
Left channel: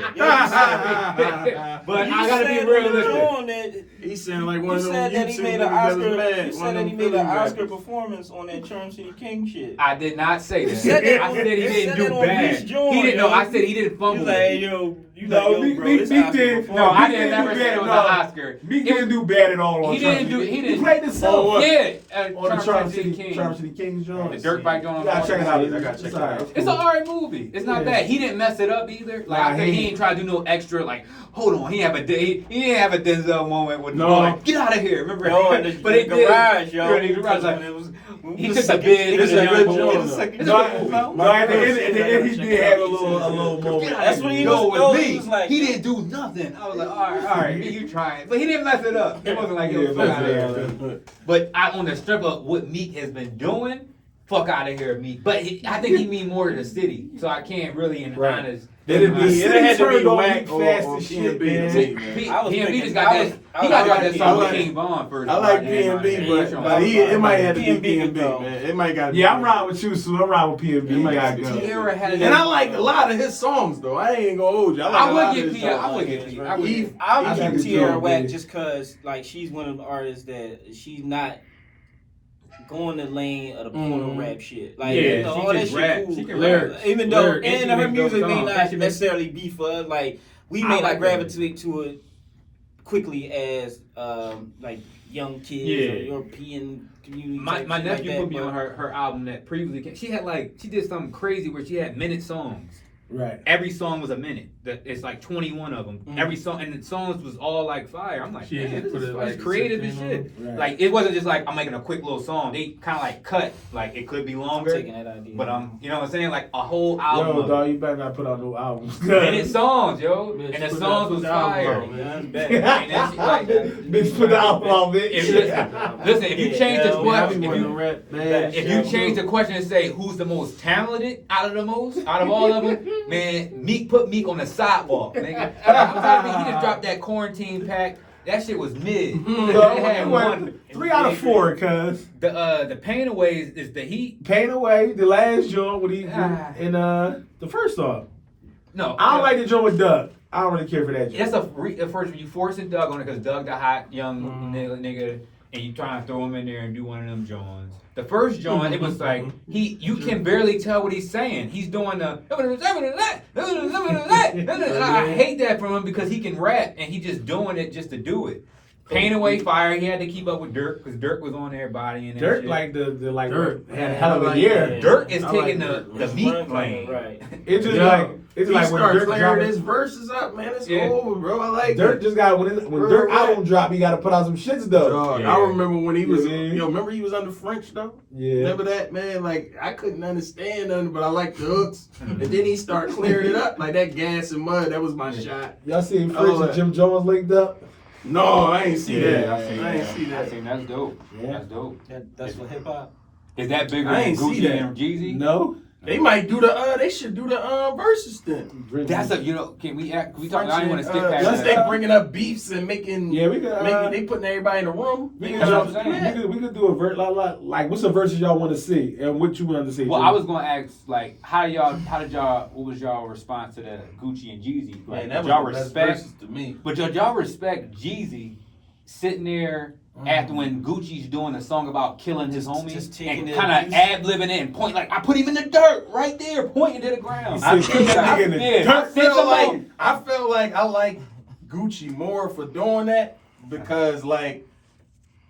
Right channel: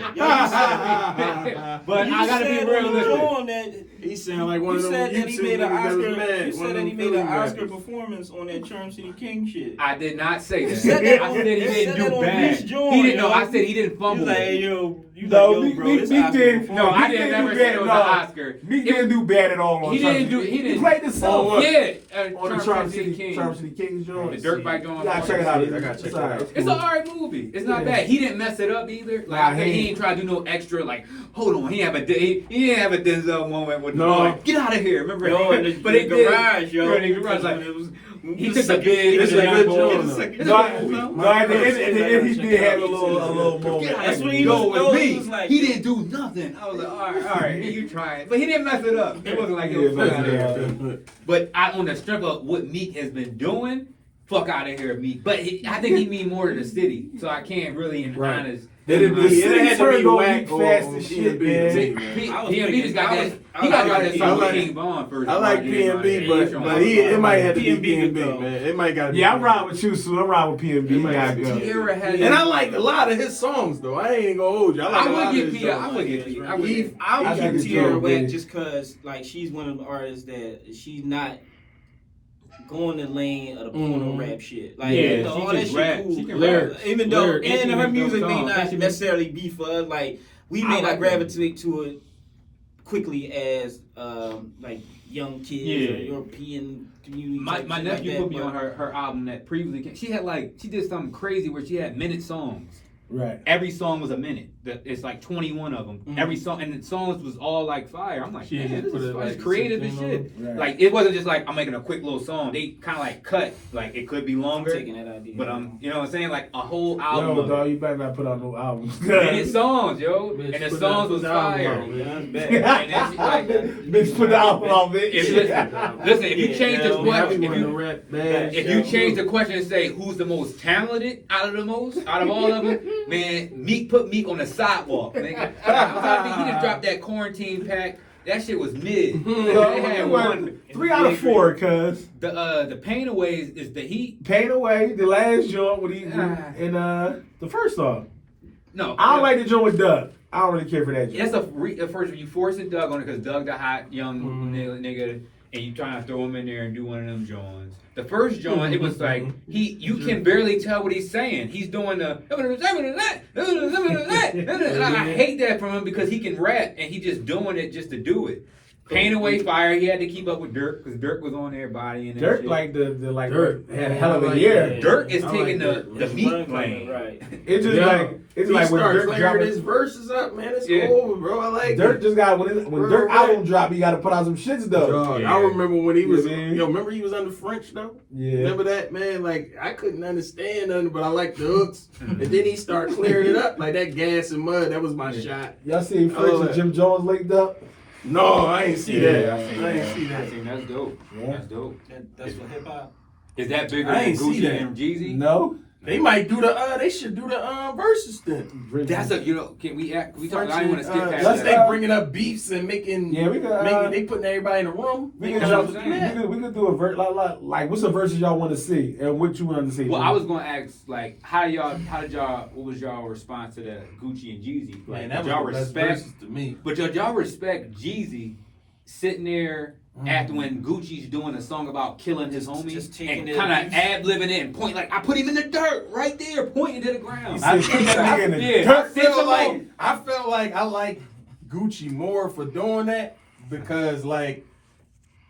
But I gotta be realistic. He sound like one You of them said that he YouTube made an niggas Oscar. that's mad. You One said of that he them made an Philly Oscar rappers. performance on that Charm City King shit. I did not say that. said that I on- said he you didn't said that do on bad. Beach Joint, He didn't. No, yo. I said he didn't You fumble. like, hey, yo, No, yo, Meek- bro, Meek- this Meek Oscar did- No, performance. I didn't never say it was an Oscar. Meek didn't do bad at all on He didn't do. He He played the didn't. song. Yeah, On the Charm City Kings joint. The dirt bike joint. You gotta check it out. I gotta check it out. It's an alright movie. It's not Yeah. bad. He didn't mess it up either. Like Nah, I said, he he ain't. ain't trying to do no extra. Like, hold on, he didn't have a Denzel moment with No. like, get out of here. Remember? No, in the it did. garage, yo. Yeah, the garage, like, It was- he took the bid. It's a good joint. No, at the end, he did have a little moment. That's when he Yo, was- with he me, was like- he didn't do nothing. I was like, all right, you trying, but he didn't mess it up. It wasn't like it was fuck out of here. But on the strip of what Meek has been doing, fuck out of here, Meek. But I think he mean more to the city, so I can't really, in Right. honest. It'd be, it had to be Turned on whack Meek or fast as shit, P&B to man. me, man. I was P&B thinking- just got I that. was- He got I that like- song I with like- King Von first. I like P&B, but it might have to be P&B, P&B, man. It might got to be. Yeah, I'm riding with you, Sue. I'm riding with P&B. You gotta go. Tierra had And I like a lot of his songs, though. I ain't gonna hold you. I like I a lot would of get his P. I songs. would get P. I would Eve- get- I I would think give it's Tierra dope, Whack man. just cause like she's one of the artists that she's not going the lane of the porno rap shit. Like Yeah, you know, she all that just shit rap. cool. She can Lyrics. rap. Even though Lyrics. And she and her make dope music may songs. And not she make- necessarily be for us, like we I may like not that. gravitate to it quickly as like young kids Yeah. or European community. My type shit nephew like put me that, on her album that previously came. She did something crazy where she had minute songs. Right. Every song was a minute. It's like 21 of them. Every song, and the songs was all like fire. I'm like, She man, just this put is it like creative as 16 shit. Right. Like it wasn't just like I'm making a quick little song. They kind of like cut. Like it could be I'm longer, taking that idea. but you know what I'm saying? Like a whole album. Yo, of dog, you better not put out no albums. minute songs, yo, Bitch, and the put songs that- was put the album fire. out, man. And then she like, Bitch, put the album out, bitch. listen, if you change the Yeah, question, I be wanting to rap bad. if you change the question and say who's the most talented out of all of them, man, Meek put Meek on the sidewalk. Nigga. He just dropped that quarantine pack. That shit was mid. So, They had one. 3 out of 4, cuz. The Pain Away is the Heat. Pain Away, the last joint with he and the first song. No, I don't like the joint with Doug. I don't really care for that joint. That's a first you forcing Doug on it because Doug the hot young nigga, and you trying to throw him in there and do one of them joints. The first joint, it was like you can barely tell what he's saying. He's doing the I hate that from him because he can rap and he just doing it just to do it. Pain Away Fire, he had to keep up with Dirk because Dirk was on there bodying and Dirk shit. like the like Dirk. had a hell of a year. Dirk is I like taking Dirk. the Meek lane. Right. It's just He like when start Dirk clearing dropped his verses up, man. It's Yeah. over, bro. I like Dirk it. just got when Dirk album drop, he got to put out some shits though. Dog, Yeah. I remember when he was, Yeah. remember he was under French though? Yeah. Remember that, man? Like, I couldn't understand nothing, but I liked the hooks. And then he started clearing it up. Like that Gas and Mud, that was my shot. Y'all seen Oh, French and Jim Jones linked up? No, I ain't see Yeah, that. I I seen ain't see that. That's dope. Yeah. That's dope. That's for hip hop. Is that bigger I than ain't see Gucci that. and Jeezy? No. They might do the. They should do the verses then. That's a can we talk? I don't want to skip past Unless that. they bringing up beefs and making. Yeah, we could. They putting everybody in the room. We could do a verse like what's the verses y'all want to see and what you want to see. Well, I was gonna ask like what was y'all response to the Gucci and Jeezy? Like, Man, that y'all was the best respect verses to me. But y'all respect Jeezy sitting there after when Gucci's doing a song about killing his homies and kind of ad-libbing it and point like I put him in the dirt right there, pointing to the ground. I felt like I like Gucci more for doing that because like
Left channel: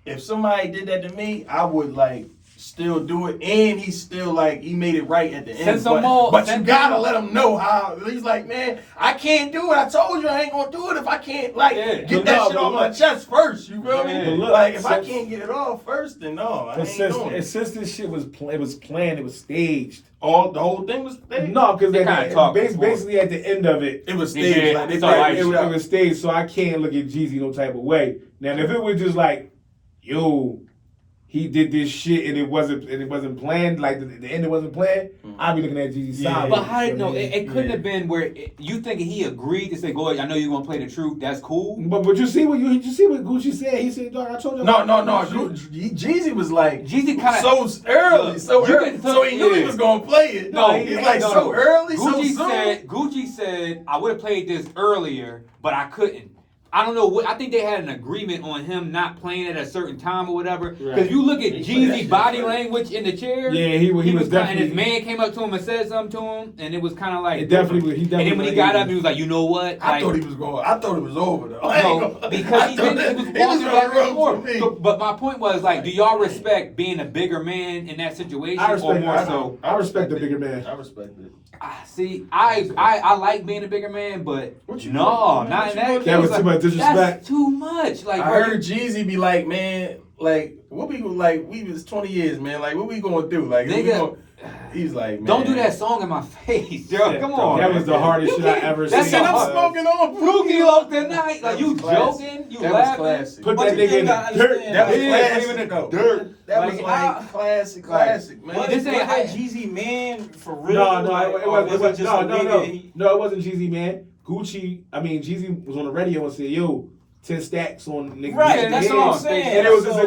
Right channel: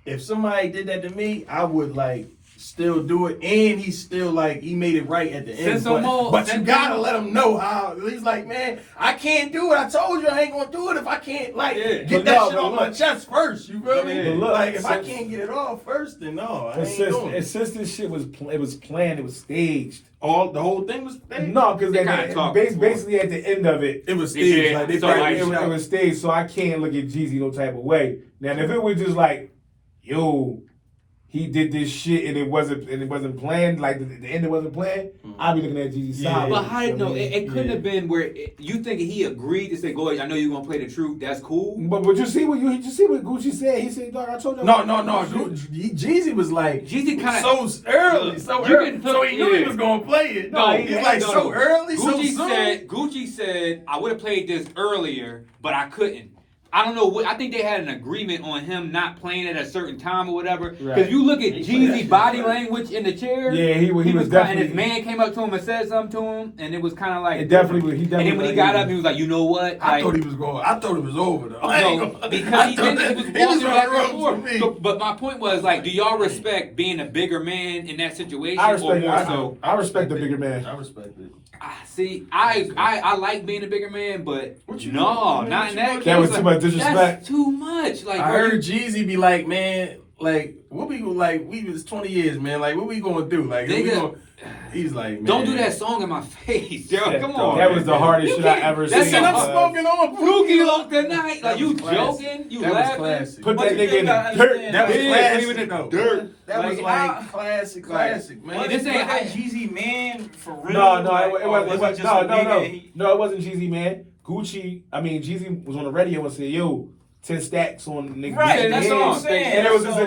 if somebody did that to me, I would like still do it, and he still like he made it right at the end. But you gotta let him know how. He's like, man, I can't do it. I told you I ain't gonna do it if I can't like get that shit off my chest first. You feel me? Look, like if I can't get it off first, then no, I ain't doing it. Since this shit was planned, it was staged. The whole thing was staged? No, because basically at the end of it, it was staged. Like it was staged, so I can't look at Jeezy no type of way. Now, if it was just like, yo, he did this shit and it wasn't planned, like the end it wasn't planned, I'd be looking at Jeezy's side. But how it couldn't have been where you think he agreed to say, go ahead, I know you're gonna play the truth, that's cool. But you see what Gucci said? He said, dog, I told you. No. Jeezy was like Jeezy kind of so early, so he knew he was gonna play it. He's like so early, Gucci so soon. Gucci said, I would have played this earlier, but I couldn't. I don't know what. I think they had an agreement on him not playing it at a certain time or whatever. Because you look at Jeezy's body language in the chair. Yeah, he was definitely. And his man came up to him and said something to him, and it was kind of like. He definitely. And then when he got up, he was like, you know what? I thought he was going. I thought it was over though. No, because he was walking back and forth. But my point was like, do y'all respect being a bigger man in that situation? I respect the bigger man. I respect it. See, I like being a bigger man, but not in that case. That was too much disrespect. That's too much. Like I heard Jeezy be like, man, like what we was 20 years, man. Like what we gonna do? Like he's like, man, don't do that song in my face, yo. Come on. That was the hardest shit I ever seen. That's I'm smoking on Pookie Loc tonight. Like you joking? You laughing? Put that nigga in the dirt. That was classic. In the dirt. That was like classic, man. This ain't how Jeezy Man for real. No, it wasn't Jeezy Man. Jeezy was on the radio and said, yo, 10 stacks on nigga. Right, that's what I'm saying. And it was just a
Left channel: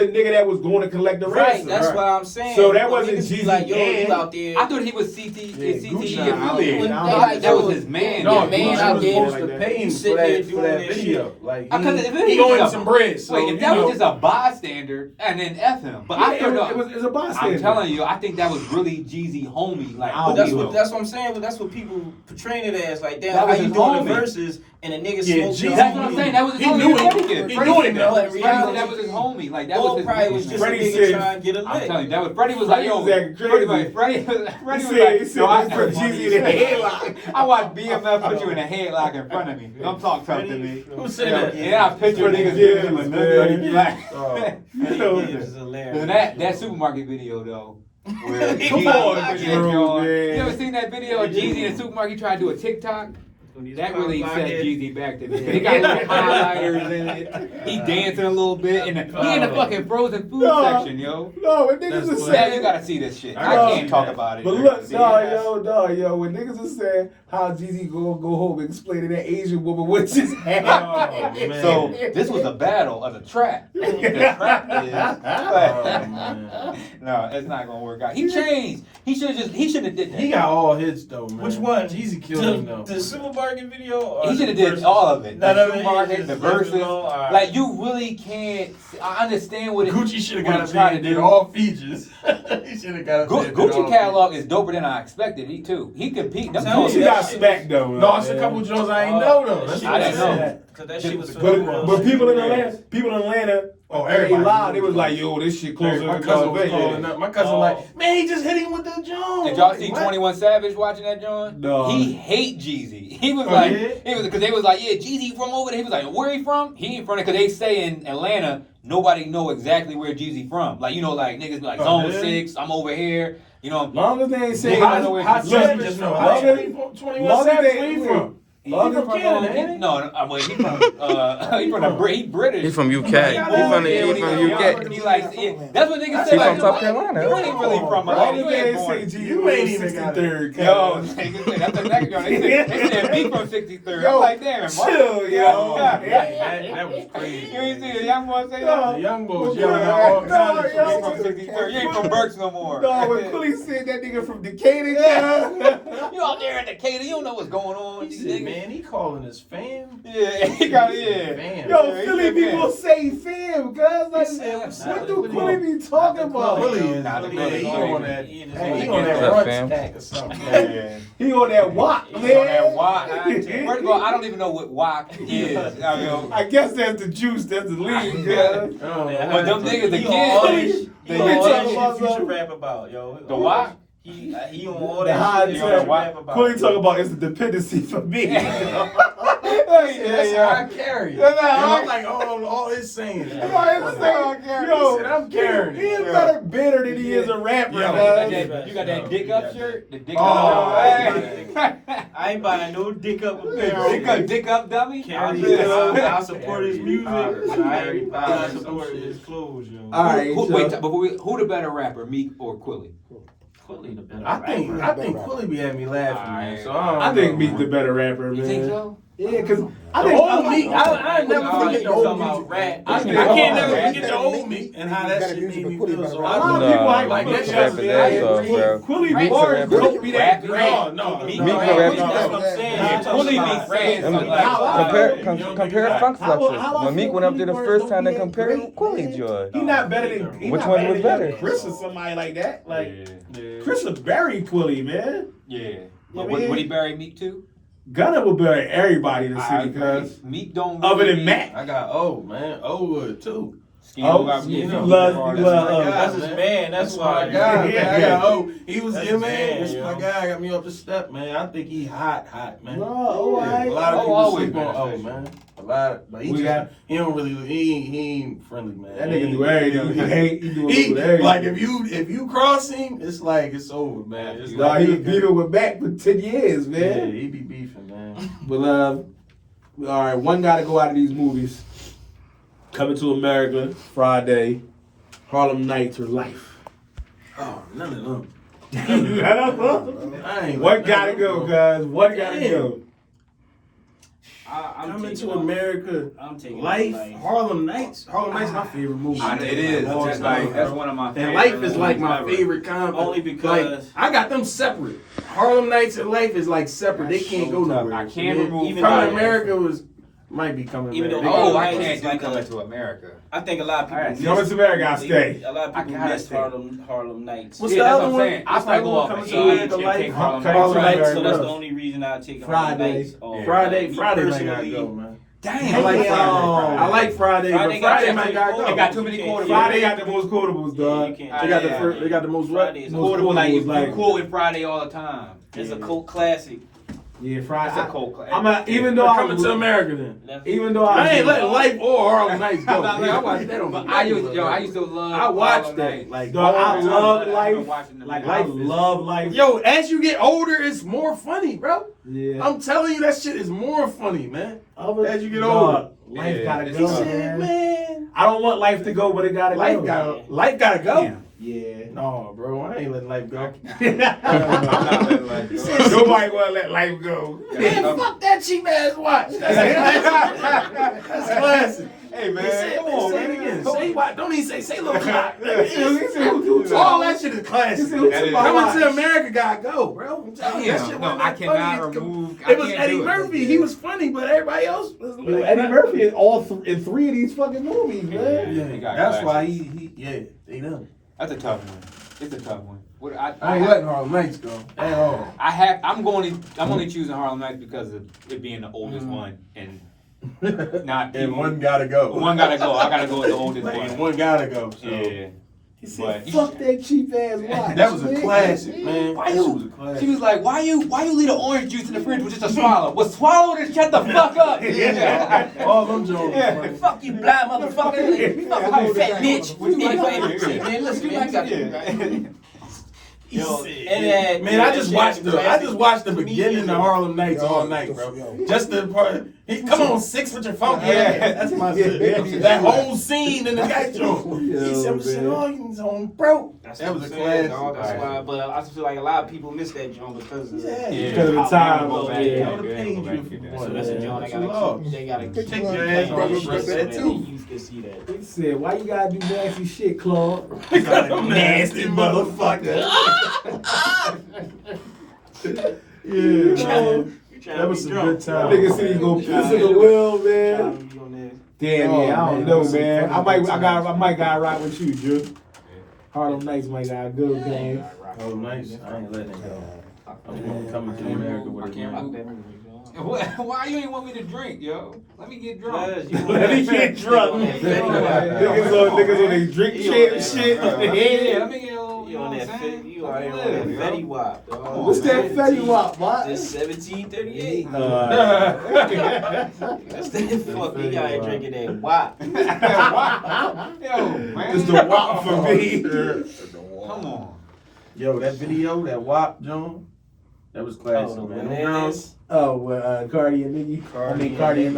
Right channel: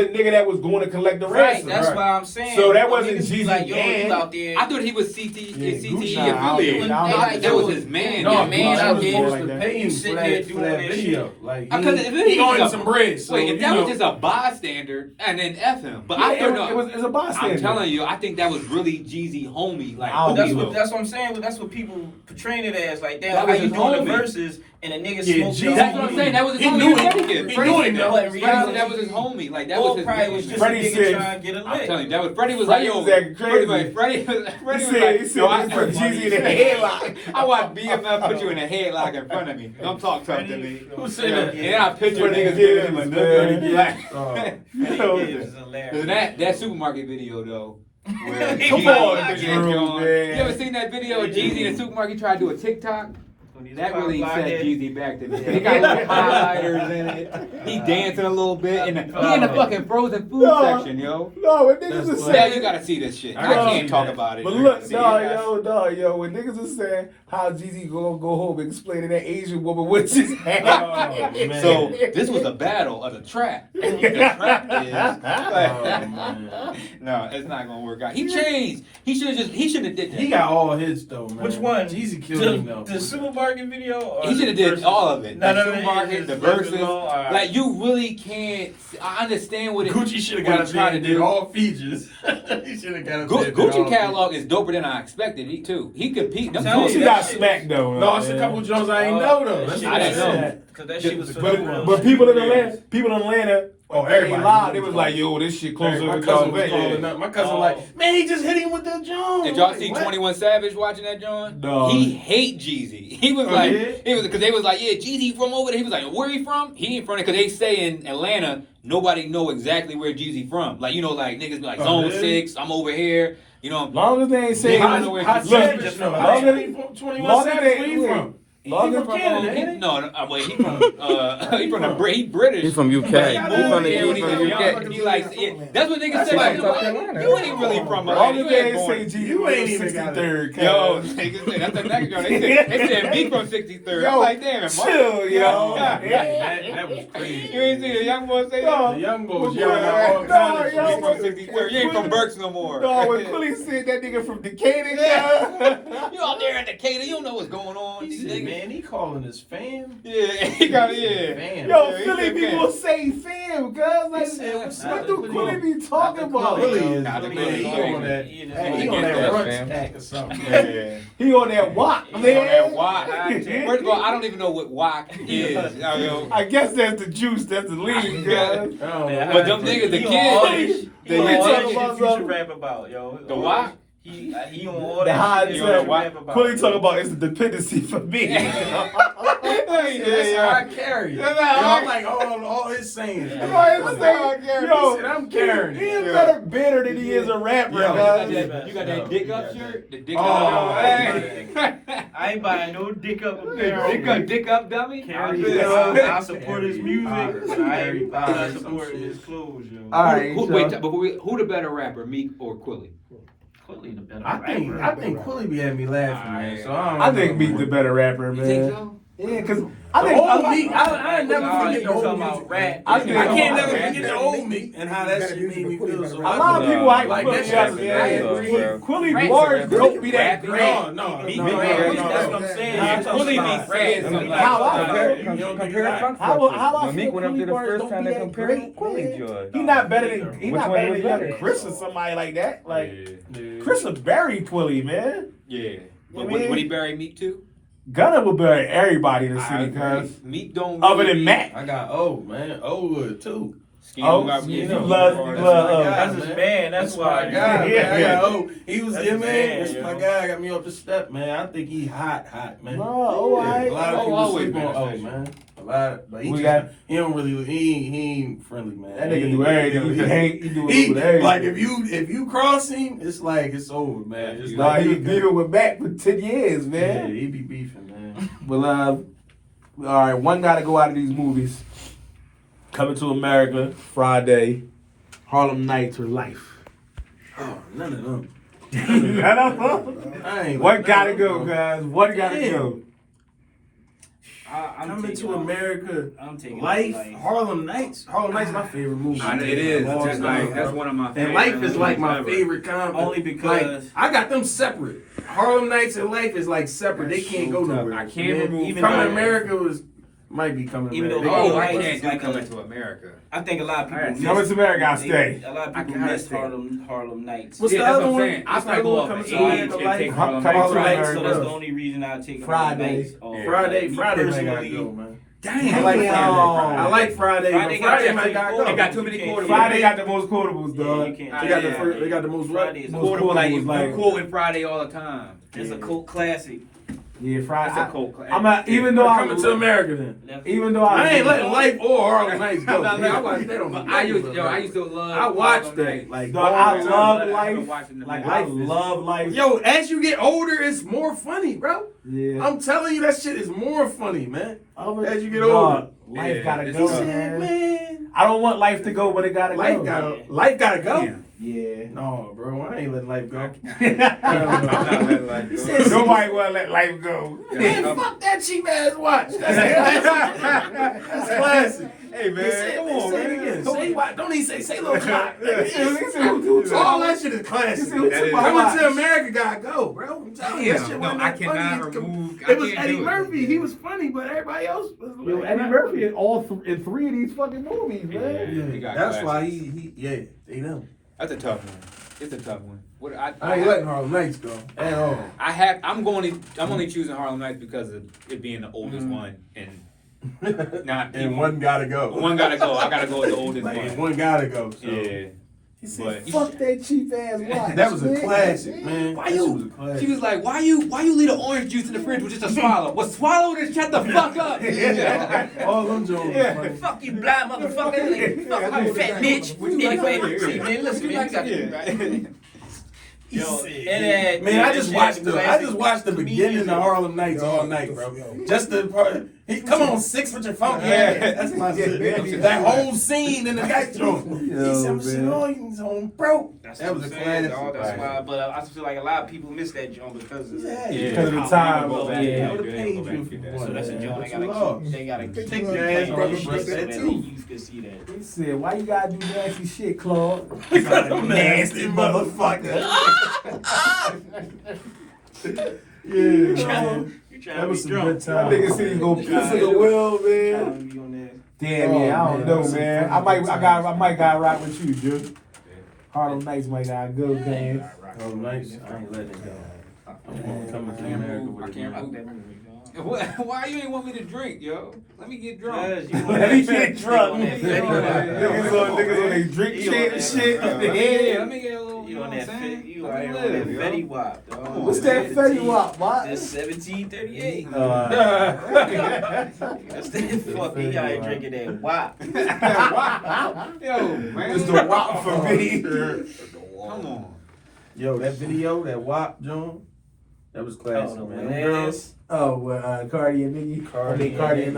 nigga that was going to collect the ransom. Right, that's what I'm saying. So that wasn't Jeezy like, yo, man. out there. I thought he was CTE affiliated. That was his man. No, man out there was to pay him for that video. Like he owed him some bread. So if that was just a bystander, and then F him. But I don't know. It was a bystander. I'm telling you, I think that was really Jeezy homie. Like that's what I'm saying. But that's what people portraying it as. Like, damn, how you doing the verses and a nigga smoked. That's what I'm saying. That was his homie. He knew him though. Freddie said that was his homie. Like that was his probably was just a nigga trying to get a lick. I'm telling you, that was Freddie was like, yo, Freddie was like, yo, I put Jeezy in a headlock. I watched BMF put you in a headlock in front of me. Don't talk tough to me. Who said that? And I picture niggas giving him a dirty black. That supermarket video though. Come on, Drew, man. You ever seen that video of Jeezy in the supermarket trying to do a TikTok? That really set Jeezy back to me. He got little highlighters in it. He dancing a little bit. He in the fucking frozen food section, yo. No, when niggas are saying... You gotta see this shit. I can't talk about it. But look, yo, when niggas are saying how Jeezy go home and explain to that Asian woman what just happened. So, this was a battle of the trap. The trap is... No, it's not gonna work out. He changed. He shouldn't have did that. He got all his though, man. Which one? Jeezy killed him though. The supermarket video? Or he should have did all of it. The supermarket, the verses. Right. Like you really can't. I understand what Gucci should have got up there and did all features. He should have got up there. Gucci catalog is doper than I expected. He compete. He got smacked though. No, it's a couple Jones I ain't know though. I didn't know. Cause that shit was but people in Atlanta, everybody loud. It was like, yo, this shit closer. My cousin was calling up. My cousin like, man, he just hit him with that Jones. Did y'all see 21 Savage watching that John? No. He hate Jeezy. He was because they was like, yeah, Jeezy from over there. He was like, where he from? He ain't from there because they say in Atlanta nobody know exactly where Jeezy from. Like like niggas be like Zone 6. I'm over here. You know, long as they ain't say how Savage know. 21 Savage, where he from? Oh, from Canada, ain't he? No, well, he British. He's from UK. He's from UK. He like that's what niggas say. He's Like, from South Carolina. You ain't really from All you the ain't days born. say You ain't even got 63rd. Yo, niggas say, that's the next girl. They said me from 63rd. I'm like, damn, chill, yo. That was crazy. You ain't see the young boy say that? The young boys yelling out all kinds of You ain't from shit. 63rd. You ain't from Berks no more. No, when Quilly said that nigga from Decatur, yeah. You out there in Decatur, you don't know what's going on. He These said, niggas. man, he calling his fam. Yeah, he got it. Fam. Yo, Yeah, he Philly said people fam. say fam, guys. Like, He said, what's what up? do Quilly be talking about? Really is. Nah, the Man, he Philly on is. that. He He in on his that fam. brunch pack or something. Yeah. He on that walk, man. On that wok. First of all, I don't even know what wok is. I guess that's the juice, that's the lean, guys. Oh, But them niggas, the He on all kids, this- the he on all talking this about shit Future something? rap about, yo. The wok? He on all The high that shit you know, Future why- rap about. Quilly talking about it's the dependency for me. That's how I carry it. That's how I- I'm like all his saying. Yo, I'm carrying he it. is better bitter than he is a rapper, Yo, guys. You got that dick up shirt? The dick Oh, up. hey. I ain't buying no dick up apparel. Dick up dummy? I support his music, but I ain't buying support his clothes, yo. All right, Wait, before who the better rapper, Meek or Quilly? Quilly the better I think Quilly be having me laughing, man. So I think Meek the better rapper, man. You think so? Yeah, cause I The think old Meek, I never forget the old talking about Meek. rap. I I think- can't never forget the old Meek and how that shit made me feel. So a lot of people hype like Quilly that up, shit. yeah. Quilly bars don't be that great. No, Meek, no, That's no. what I'm saying. Yeah, Quilly be saying something like Compare Funk How I Fluxes. When Meek went up there the feel first time, they Quilly compared bars him to Quilly Joy. He not better than Which one was better? Chris or somebody like that. Like Yeah. Chris would bury Quilly, man. Yeah. But mean- would he bury Meek too? Gunna would bury everybody in the I city, agree. cuz. Meek don't. Other than really- Mac. I got old, man. Old wood, too. Oh, got- you know, love- That's his man. That's my why. guy, Yeah. man. I got old. He was That's here, his man. man, That's yo. my guy. Got me up the step, man. I think he hot, man. No, oh, Yeah, I- a lot of Oh, people always sleep been on a old, fashion. man. A lot, but he We just, got- he don't really, he ain't friendly, man. That nigga do everything. He hate, he do a little bit of everything. Like if you cross him, it's like it's over, man. It's Nah, like he was beefing with Mac for 10 years, yeah, man. he be beefing, man. But all right, one gotta go out of these movies. Coming to America Friday, Harlem Nights or Life. Oh, none of them. I don't know. I ain't One like gotta none go, of them. guys. One gotta Damn. go. I'm Coming taking to America, I'm taking Life, Life. Harlem Nights. Harlem Nights my favorite movie. It is. All Just time, like that's bro. one of my favorite. And Life is like my movies favorite comedy. Only because- like, I got them separate. Harlem Nights and Life is like separate. They can't go nowhere. I can't remove Even Coming though- America was might be coming Even America. though- ever. Oh, I Life can't is do like Coming a- to America. I think a lot of people Alright, miss- Coming to America, I stay. A lot of I people gotta miss stay. Harlem Nights. What's Yeah, the that's other what I'm one? saying. I What's might the go one off coming of to age America? and Life? take Harlem Coming Nights. to Right, America. so that's the only reason I take Friday. Nights. Friday Me might gotta personally, go, man. Damn. I like Damn. Friday. I like Friday, Friday but got Friday too might many gotta go. They got too many quarterbacks. Friday got the most quotables, Yeah, dog. you can't- They got the Yeah. first. They got the most what? Friday is a Most Quotable, like you was like- quoting Friday all the time. It's a cult classic. Yeah, Friday. It's a cult classic. I'm not, even though Coming to America then. Even though I ain't like letting Life or Harlem Nights go. Nah, Man, I nah, watched that on my I used to love. I watched Harlem that. Nights. Like, dog, I all the love time. life. watching the Like movie. I Life is- love life. Yo, as you get older, it's more funny, bro. Yeah. I'm telling you, that shit is more funny, man. As you get Dog, older. life Yeah, gotta it's go, tough. man. I don't want life to go, but it gotta Life go. gotta, life gotta go. Yeah. No, bro, I ain't letting life go. I'm not letting life go. Nobody wanna let life go. Man, fuck that cheap ass watch. That's classic. That's classic. Hey man, Say, come on, say man. it again. Say what? Don't even say little clock. He said, who took All my- that shit is classic. He said, who took my Coming watch? to America gotta go, bro. I'm telling you, that Damn, shit no, wasn't I that cannot funny. remove. It was Eddie Murphy. Yeah. He was funny, but everybody else was Yo, like, Eddie not- Murphy is in 3 of these fucking movies, man. Yeah, he got That's why classics. they know. That's a tough one. It's a tough one. What I ain't letting Harlem Nights go at all. I'm only choosing Harlem Nights because of it being the oldest one and not And one gotta go. One gotta go. I gotta go with the oldest And one. one gotta go. So. Yeah. He said, But- fuck that cheap ass watch. That was a man. classic, man. Why That you? was a classic. She was like, "Why you leave the orange juice in the fridge with just a swallow? Well, swallow and shut the fuck up." All them Jones. Yeah. funny. Fuck you, blind motherfucker. Fuck you, fat bitch. Would you like Anyway, that? see, man, listen, Would you man, like that? He Yo, said, and then- man, I just watched the beginning of Harlem Nights all night, bro. Just the part. Come on, 6 with your funky ass. That's my shit. That whole scene in the guy joint. He said, "Shit on you, on, bro." That was a classic. That's why, but I just feel like a lot of people miss that joint because of Because of the time. Go back, Yeah. I would have paid you for So one. that's a joint That's they a law. gotta keep Take playing your ass, bro. that Respect shit that so too. you can see that. He said, why you gotta do nasty shit, Claude? Nasty motherfucker. Yeah, man. That was some good That time. nigga said he gonna piss in the well, man. Damn, yeah, I don't know, man. I might gotta ride with you, Drew. Harlem Nights might gotta go, man. Oh, nice. I ain't letting it go. I'm gonna come to America with it. Why you ain't want me to drink, yo? Let me get drunk. Let me get drunk. Niggas on they drink shit and shit. Yeah, let me get a little. You on that what I'm saying? you on that Fetty Wap, dog. What's that Fetty Wap, what? That's 1738. That's that fuck. You gotta drinking that Wap. Yo, man. It's the Wap for me. Come on. Yo, that video, that WAP, John, that was classic, Oh, man. man. Them girls. Oh, well, Cardi and Nicki. Cardi and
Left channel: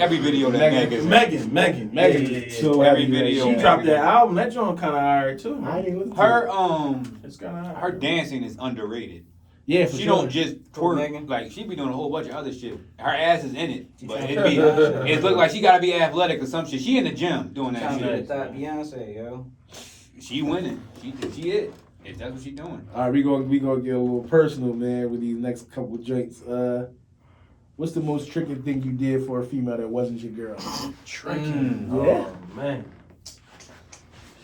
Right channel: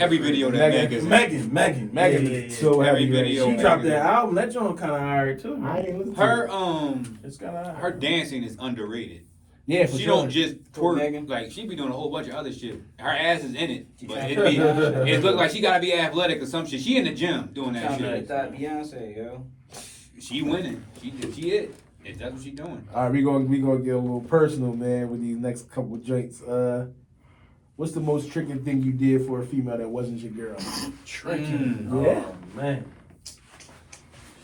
Every video that Megan. Megan. Megan. So Every happy video. She that dropped that album. That joint kind of alright too. I ain't listen to Her it. It's kind of her dancing is underrated. Yeah, for She sure. don't just For twerk, Megan? like she be doing a whole bunch of other shit. Her ass is in it, but trying it look like she gotta be athletic or some shit. She in the gym doing that Trying to shit. that Beyonce, yo. She winning. She it. If that's what she doing. All right, we gonna get a little personal, man, with these next couple of joints. What's the most tricking thing you did for a female that wasn't your girl? tricking. Yeah. Oh, man.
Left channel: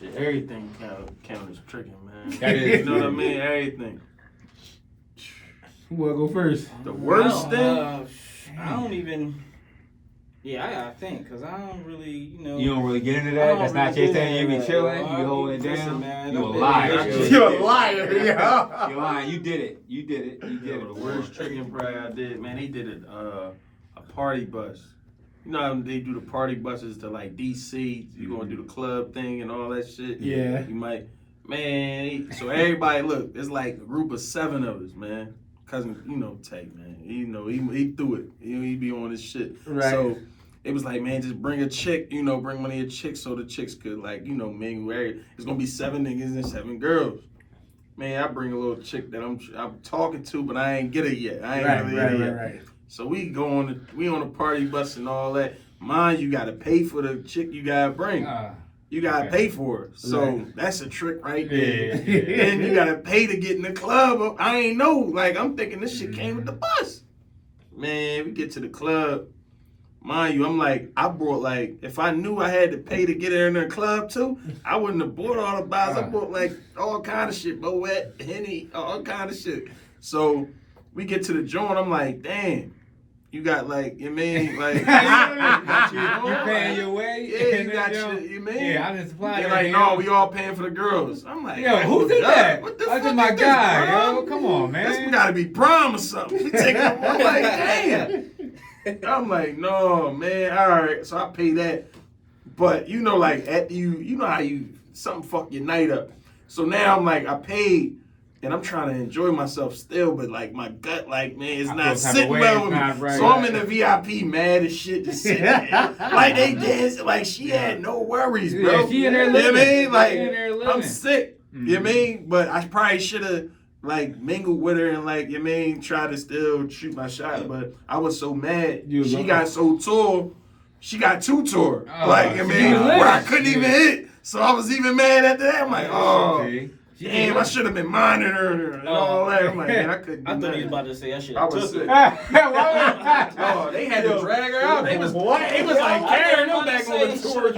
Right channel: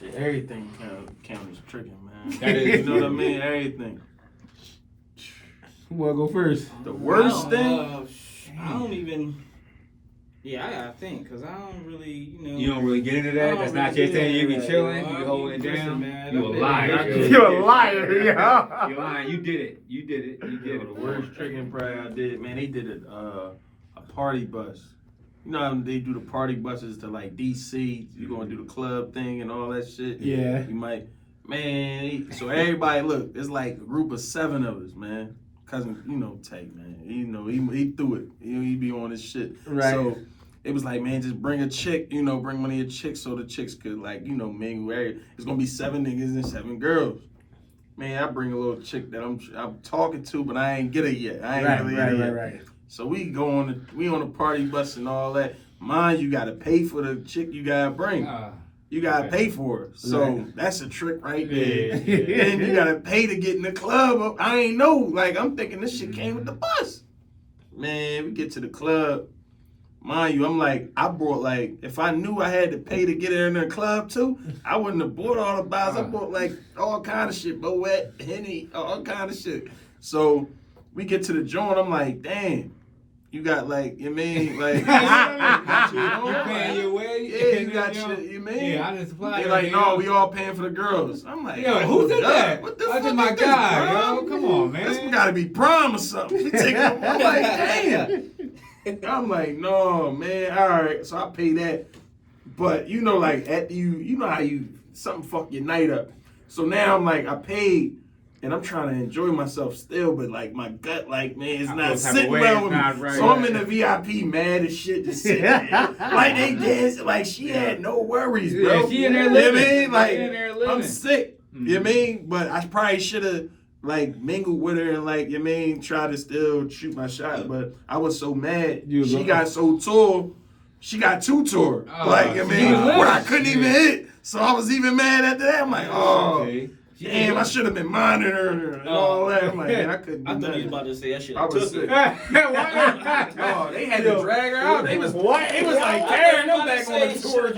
Shit, everything count as tricking, man. That is You know what I mean? Everything. Who wanna go first? The worst thing. I don't even. Yeah, I gotta think, cause I don't really, You don't really get into that. That's not your thing. You be chilling. You be holding it Listen, down. man, You a liar. You're a liar, yo. You're lying. You did it. You did it. You did Yo, it. the worst tricking probably I did, man. They did a party bus. You know how they do the party buses to like DC. You gonna do the club thing and all that shit. Yeah. You might, man. So everybody, look, it's like a group of 7 of us, man. Cousin, Tate, man. He threw it. He be on his shit. Right. So it was like, man, just bring a chick. Bring one of your chicks so the chicks could mingle. It's gonna be 7 niggas and 7 girls. Man, I bring a little chick that I'm talking to, but I ain't get it yet. I ain't really get it yet. Right. So we on the party bus and all that. Mind you gotta pay for the chick you gotta bring. You gotta pay for her. So that's a trick right there. Yeah. And you gotta pay to get in the club. I ain't know. Like I'm thinking this shit came with the bus. Man, we get to the club. Mind you, I'm like, I brought like, if I knew I had to pay to get in the club too, I wouldn't have bought all the bottles. I bought like all kind of shit, Moet, Henny, all kind of shit. So we get to the joint, I'm like, damn, you got like, you mean, like, you got your own, You paying your way? Yeah, you got your, you mean? Yeah, I didn't supply They're you. like, no, we all paying for the girls. I'm like, Yo, who did that? What the That's fuck my is this, guy, prom? yo. Come on, man. This gotta be prom or something. We taking I'm like, damn. I'm like, no, man. All right, so I pay that. But like after you know how something fuck your night up. So now I'm like, I paid, and I'm trying to enjoy myself still, but like my gut, like man, it's not sitting well with me. So I'm in the VIP, mad as shit, just sitting there. Like they danced, like she had no worries, bro. Yeah, she in there You know what I living. mean? Like She in there living. I'm sick. You know what I mean? But I probably should have like mingled with her and like, you know what I mean, try to still shoot my shot. But I was so mad. She got so tall. She got 2 tore. Like, I mean, where I couldn't even hit. So I was even mad after that. I'm like, oh, damn, I should have been monitoring her and all that. I'm like, man, I couldn't do I thought he was nothing. about to say that shit. I was sick. Oh, They had to drag her out. They was what? It was like carrying them back on the tour.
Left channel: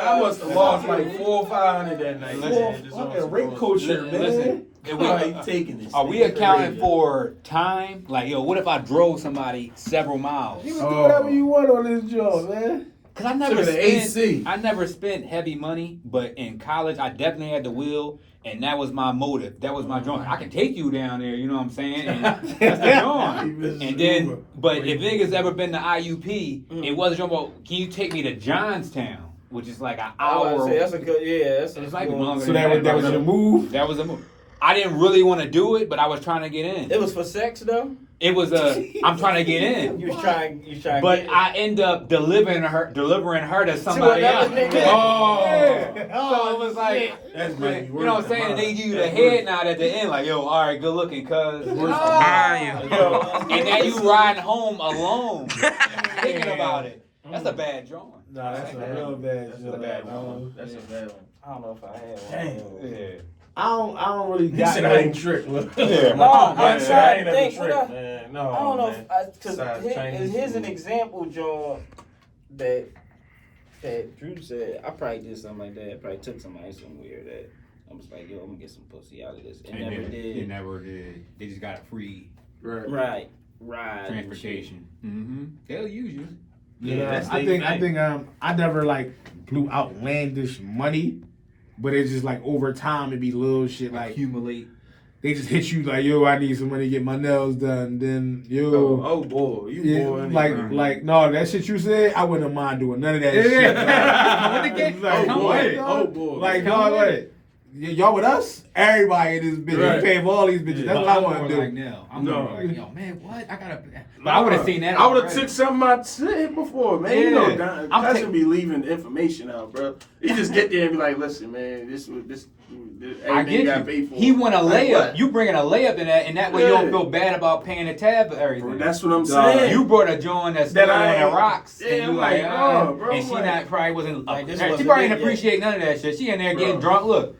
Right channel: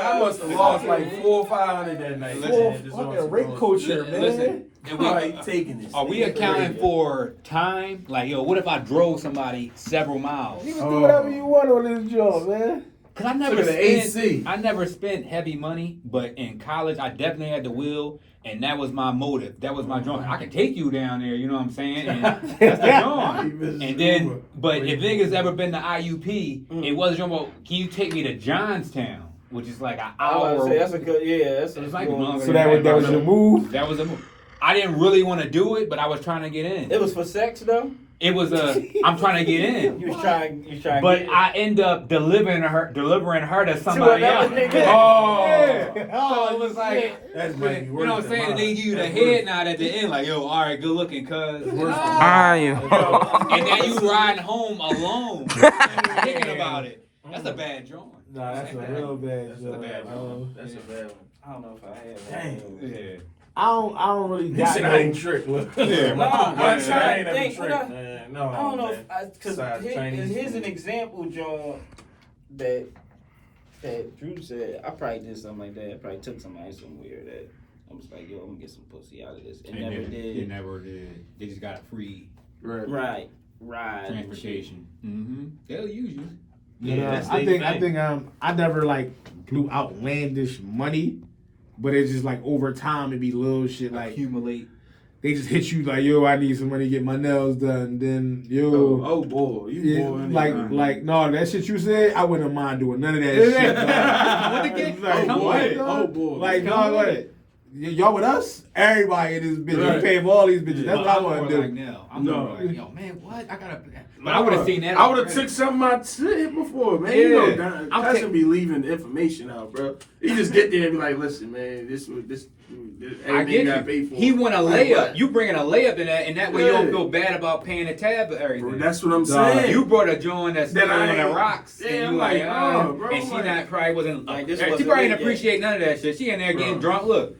I must have lost like 400 or 500 that night. Fucking rape culture, man. Listen, taking this. are we accounting for time? Like, yo, what if I drove somebody several miles? You can do whatever you want on this job, man. Cause I never spent heavy money, but in college I definitely had the will, and that was my motive. That was my joint. I can take you down there, you know what I'm saying? And that's the joint. And then, but if niggas ever been to IUP, it wasn't about, can you take me to Johnstown? which is like an I was hour. about to say, that's a good, yeah. That's It's a like good longer So than that was the move. That was the move. I didn't really want to do it, but I was trying to get in. It was for sex though. It was I'm trying to get in. You was trying. But to I end up delivering her to to somebody else. another nigga. Oh. Yeah. Oh, So it was like, that's you making know what I'm saying? And they give you the head nod at the end, like, yo, all right, good looking, cuz. And now you riding home alone, thinking about it. That's a bad drawing. Nah, that's a real bad That's joke. a bad drawing. That's a bad one. I don't know if I had one. Dang. Yeah. I don't really He got said no- I ain't tricked. No, I'm trying to think. What I No, don't know man. because Besides Chinese here's an food. example, John, that Drew said. I probably did something like that. I probably took somebody somewhere that I was like, yo, I'm gonna get some pussy out of this. It never did. It never did. They just got a free Right. transportation. Mm-hmm. They'll use you. Yeah, I think I never like blew outlandish money, but it's just like over time it be little shit like Accumulate. they just hit you like, yo, I need some money to get my nails done. Then yo, Oh boy, you yeah, boy. like no, that shit you said, I wouldn't mind doing none of that shit. Like, Oh boy, what, dog? oh boy. Like dog, what? Y'all with us? Everybody in this bitch. Right. We pay for all these bitches. That's what I want to do. Like now. I'm No. more like, yo, man, what? I gotta. But I would have seen that. I would have already. took something I said before, man. Yeah. You know, I'm cousin be leaving the information out, bro. You just get there and be like, listen, man, this I everything get you got you. paid for. He want a Like, layup. what? You bringing a layup in that, and that way you don't Yeah. feel bad about paying the tab for everything. Bro, that's what I'm Dog. saying. You brought a joint that's That on I- the rocks, Yeah, and you I'm like, like, no, bro, and she like- not probably wasn't. Like, this she wasn't probably it didn't yet. appreciate none of that shit. She in there getting Bro. drunk. Look,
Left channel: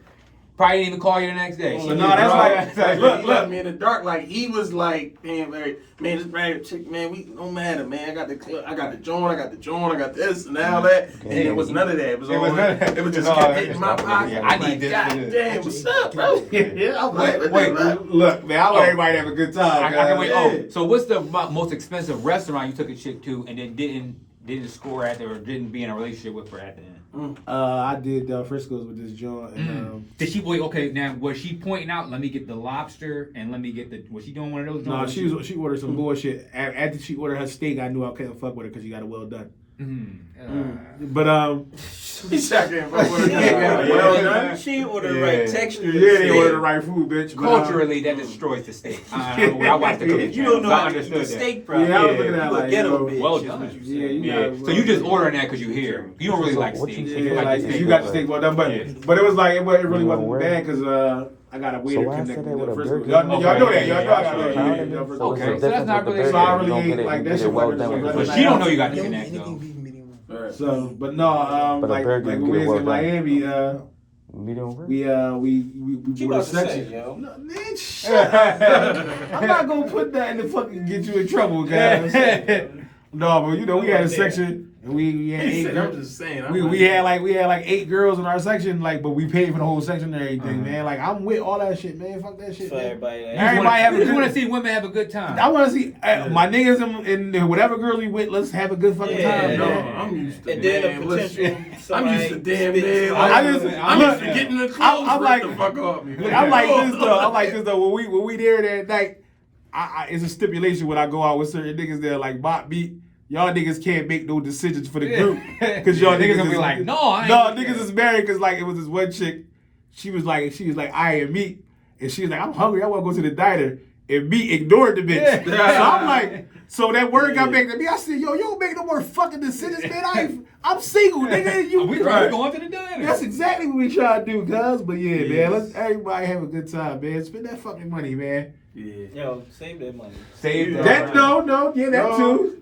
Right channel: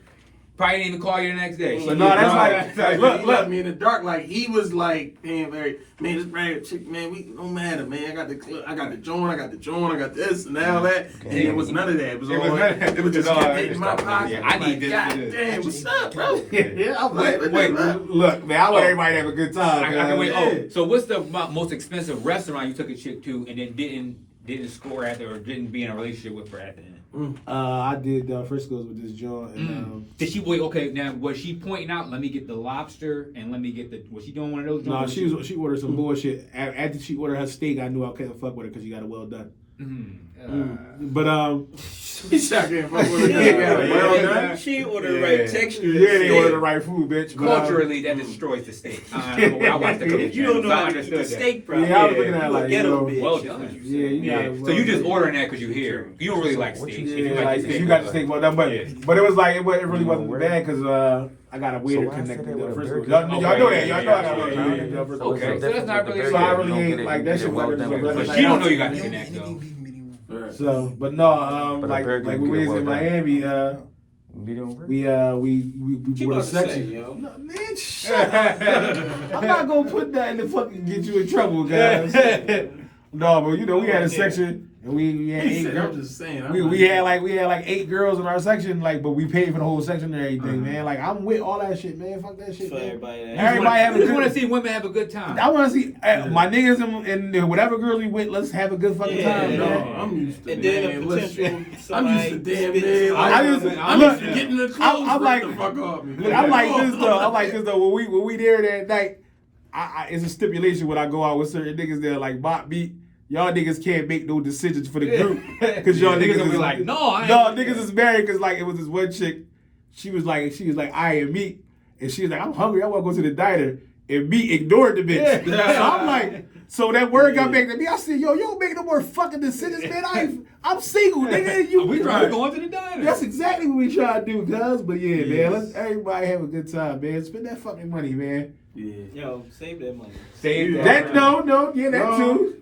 probably didn't even call you the next day. She But no, was that's drunk. like- Look, he left me in the dark. Like he was like, man, this brand chick, man, we no matter, man. I got the club, I got the joint, I got this and all that. And it was none of that. It was all it was just kept hitting my pocket. I need this. God damn, what's up, bro? Yeah, I'm like, Wait, wait, man. look, man, I want everybody to have a good time. I can wait. guys. Oh, so what's the most expensive restaurant you took a chick to and then didn't score at or didn't be in a relationship with her at the end? I did Frisco's with this joint, and Did she wait? Okay, now was she pointing out? Let me get the lobster and let me get the. Was she doing one of those? no, joints? she ordered some bullshit. After she ordered her steak, I knew I couldn't fuck with her because she got it well done. But He's second. Well done. She ordered the right texture. yeah, they ordered the right food, bitch. But, Culturally, that destroys the steak. I watched the cooking. You don't know so I how to eat the understood that. steak properly. Yeah, I was looking at it You a like, ghetto yo, bitch. Well That's done. what you Yeah, said. you Yeah. got. So you just ordering that because you here. You don't really like What steak. you- You Yeah, like like the if steak. you got the steak well done, but Yeah. but it was like it really You know wasn't where? bad because I got a way So to why I connect said with that the with a Frisco. burger? Y'all know that. Y'all know I got a way to Okay. connect with the Okay, Frisco. so that's not really. So I really You don't ain't get it- like you that get shit it well wasn't done so with good. the But Like, she don't I- know you got the connect though. Right. So, but no, But a like burger, when you we get it was in well done. Miami, Medium rare? we Keep bought a us safe, section. yo. No, man, shut up. I'm not gonna put that in the fucking get you in trouble, guys. No, but you know we had a section and we had He 8 said, I'm girls. just saying. We had like 8 girls in our section, like, but we paid for the whole section and everything, man. Like I'm with all that shit, man. Fuck that shit, For man. everybody. Everybody have a You just good- want to see women have a good time. I want to see my niggas and whatever girls we with. Let's have a good fucking Yeah, time, No, man. I'm used to And then man, a listen, potential. I'm used to damn spit- near. I I'm look, used to getting the clothes I'm like- ripped the fuck off me. Look, I'm like this though. I'm like this though. When we there that night, it's a stipulation when I go out with certain niggas there, like Bot Beat. Y'all niggas can't make no decisions for the group because y'all niggas gonna is be like, no, I ain't no with niggas that. is married because like it was this one chick. She was like I am meat, and she was like I'm hungry. I want to go to the diner, and me ignored the bitch. So I'm like, so that word got back to me. I said, yo, you don't make no more fucking decisions, man. I'm single, nigga. You We Right. going to the diner. That's exactly what we try to do, cuz. But yeah, man, let's everybody have a good time, man. Spend that fucking money, man. Yeah. Yo, save that money. Save That no, yeah, that No. too.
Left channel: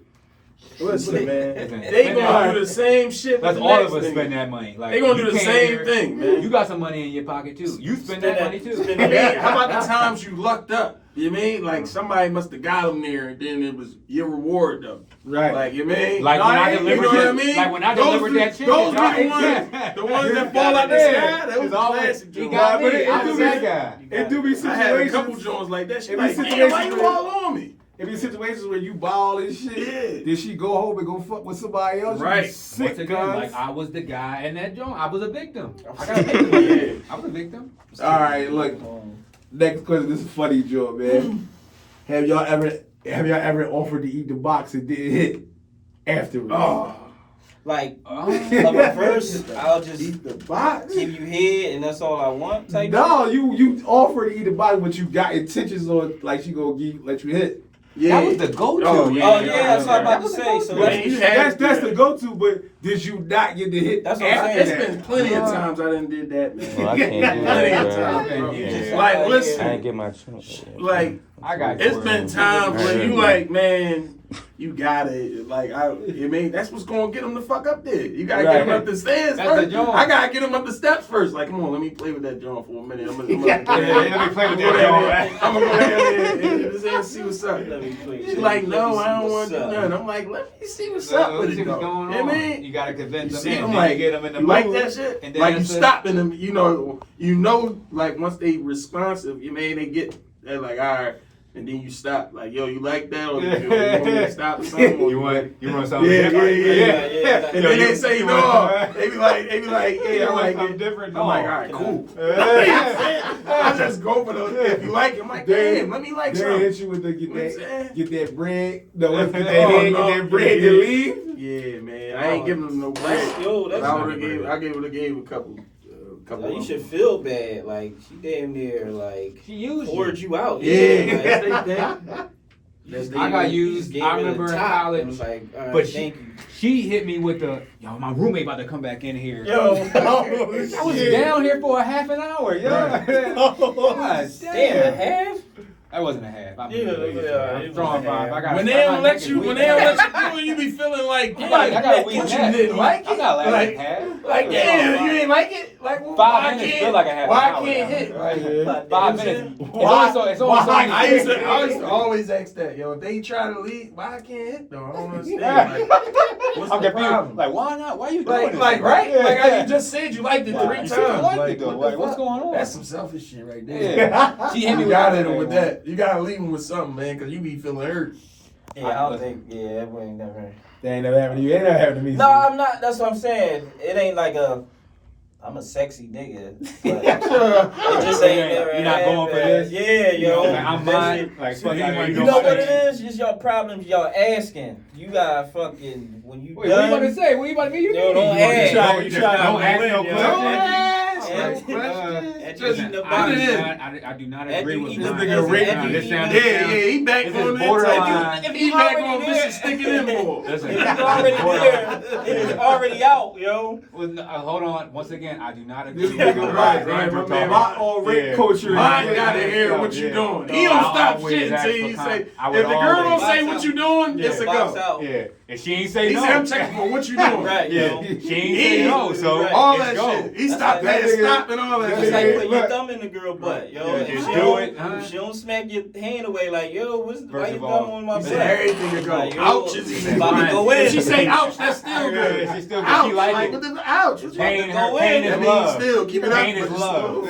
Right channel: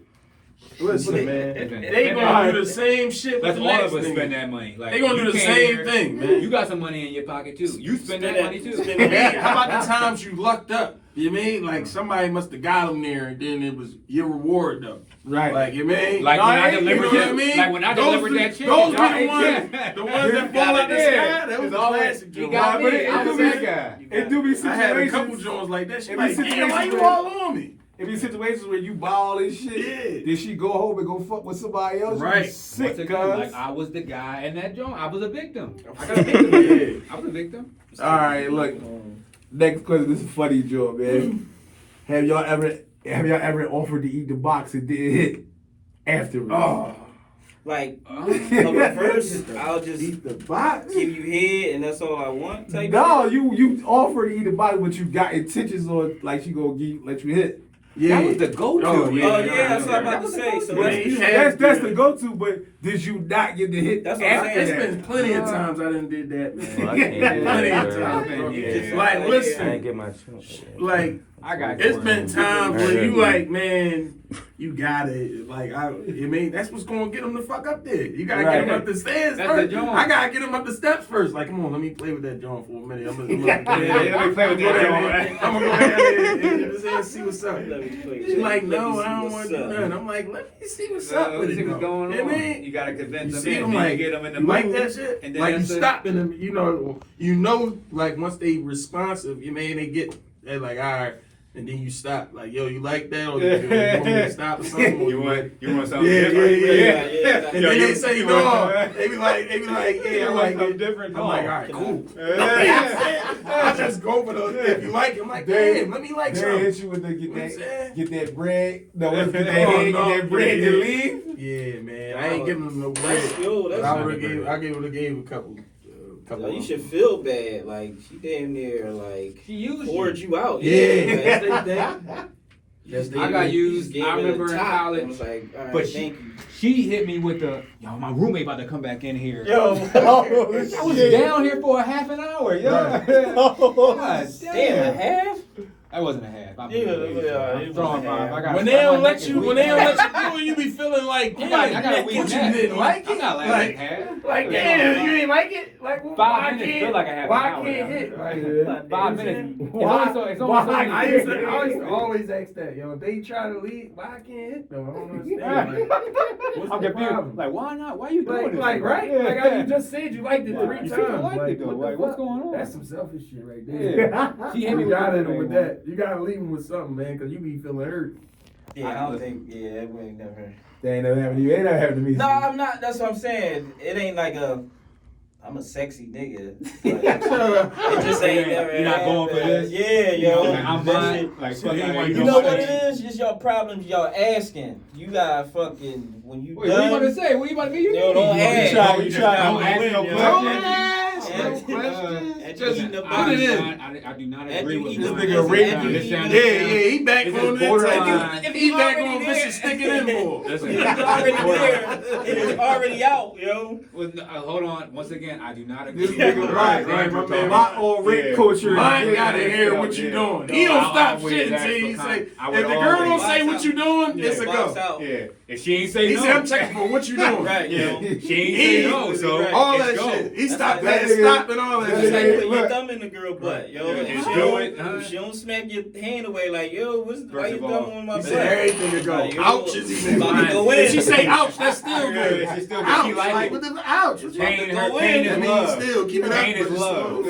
Listen, man. They Spend gonna that- do the same shit with Let's the all next of us nigga. spend that money. Like They gonna do you the came same here, thing, man. You got some money in your pocket too. You spend that money too. Hey, how about the times you lucked up? You mean like somebody must have got them there, and then it was your reward though. Right. Like you mean, Like no, when I you know delivered what I that- mean? like when I Those delivered be- that chicken, Those y'all be ain't the ones that fall out the Yeah. sky. That was It's always- classic. he Joint. got But me. it I was do that be- guy. It do be I had a couple situations. joints like that. She It be like, damn, situations why you where- all on me? It be situations where you ball and shit. Yeah. Then she go home and go fuck with somebody else. You be Right. sick, Once cuz. again, like I was the guy in that joint. I was a victim. I got a victim. Yeah. I was a victim. All right, look. Next question. This is a funny joke, man. Have y'all ever offered to eat the box and didn't hit afterwards? Oh. Like Oh. a reverse, I'll just Eat the box. give you head and that's all I want. Type No, you offer to eat the body, but you got intentions on like she gonna let you hit. Yeah. That was the go-to. Oh, Oh yeah, that's what I'm about to say. So But that's, That's the go-to. But did you not get the hit? That's what I'm after saying. It's that? been plenty of times I done did that, man. Well, I can't do Plenty that, of bro. times, bro. Yeah. Like, I ain't listen, get my chance. like, I got it's been times Right. where you like, man, you got it. Like, I mean, that's what's gonna get them the fuck up there. You gotta get them up the stairs That's the first. joint. I gotta get them up the steps first. Like, come on, let me play with that joint for a minute. I'm gonna Let me play with that joint. I'm gonna go ahead and see what's up. She's like, no, I don't want to do what's up. nothing. I'm like, let me see what's up with it, See what's though. going You know on. what I mean? You gotta convince You them. see in, them then like, you get them in the you like mood, that shit? and then Like you that's it. stopping them, you know, like once they responsive, you mean they're like, all right, and then you stop. Like, yo, you like that, or you want me to stop or something? Or You want something Yeah, different? yeah. And then they say you no. want- They be like, yeah, I like something it. different. I'm like, all right, cool. I just go for those. If you like it, I'm like, damn, let me like They something. hit you with the You know what I'm saying? get that bread. No, get that Oh, head, no. get that bread to leave. Yeah, man, I ain't giving them no bread. Yo, But that's I would have gave a couple. Yo, you should feel bad. Like she damn near like She used poured you. you out. Yeah, Like, that's they thing. That's they I got thing. used. gave I her the remember in top and college. was like, all right, But thank you. she hit me with the, yo, my roommate about to come back in here. Yo, I was down here for a half an hour. Yeah. God damn, a damn. half. That wasn't a half. I'm it throwing was a five. half. I got When they don't let you do it, you be feeling like, I got a damn, weak what you neck. didn't like I'm it? not laughing Like, at half. like, damn, you ain't like it? Like, well, 5 why minutes can't, feel like a half why an hour can't now. hit? Like, 5 minutes. Why? It's only so many I used days. to always ask that, yo, if they try to leave, why I can't hit though? I don't understand. Like, what's I'm the confused. problem? Like, why not? Why you doing Like, this? right? Like how you just said you liked it Why? 3 You times. said you liked Like, it, though. what the Like, what's fuck? going on? That's some selfish shit right there. Yeah. She hit me You with gotta that, hit him with man. that. You gotta leave him with something, man, because you be feeling hurt. Yeah, I don't think. Yeah, that ain't never. That ain't never happened to you. Ain't never happened to me. No, I'm not. That's what I'm saying. It ain't like I'm a sexy nigga. But it just ain't never. You're not going for this? Yeah, yo. Like, I'm that mine. shit- Like, fuck anyone. You know what it is? Just your problems. Y'all asking. You got fucking when you Wait, what you done. about to say? What you about to be? You Yo, don't ask. Don't You try don't to ask win, no yo. questions. Don't ask no questions. Just eating the put it in. I do not After agree you with eat this. the nigga pussy, Rick. after you This eat sounds- the- Yeah, he back This on is that borderline. type. He back on already bitches there. sticking in more. Listen, It was already there. It was already out, yo. Well, no, hold on. Once again, I do not This agree. nigga, with right, right, my man. My old Rick Yeah. culture. Mine is- gotta hear what you doing. He don't stop shit until he say. If the girl don't say what you doing, it's a Box go. out. Yeah, if she ain't say He no, said, I'm checking for what you doing. Right, Yeah, yo. she ain't say no, so Right. All it's that go. shit. He stopped that that, nigga- stop and all that that It's shit. like nigga- putting look. your thumb in the girl butt, yo. Yeah, If just she do don't- it, huh? if she don't smack your hand away, like, yo, why First you of all, thumb on my He butt? said everything to go. Like, yo, Ouch is even about to fine. go in. If she say ouch, that's still good. She still- she Ouch, like like it. what the ouch? What you Pain, About to her go pain in. is That means love. still keep it up. Pain is but it's love. slow.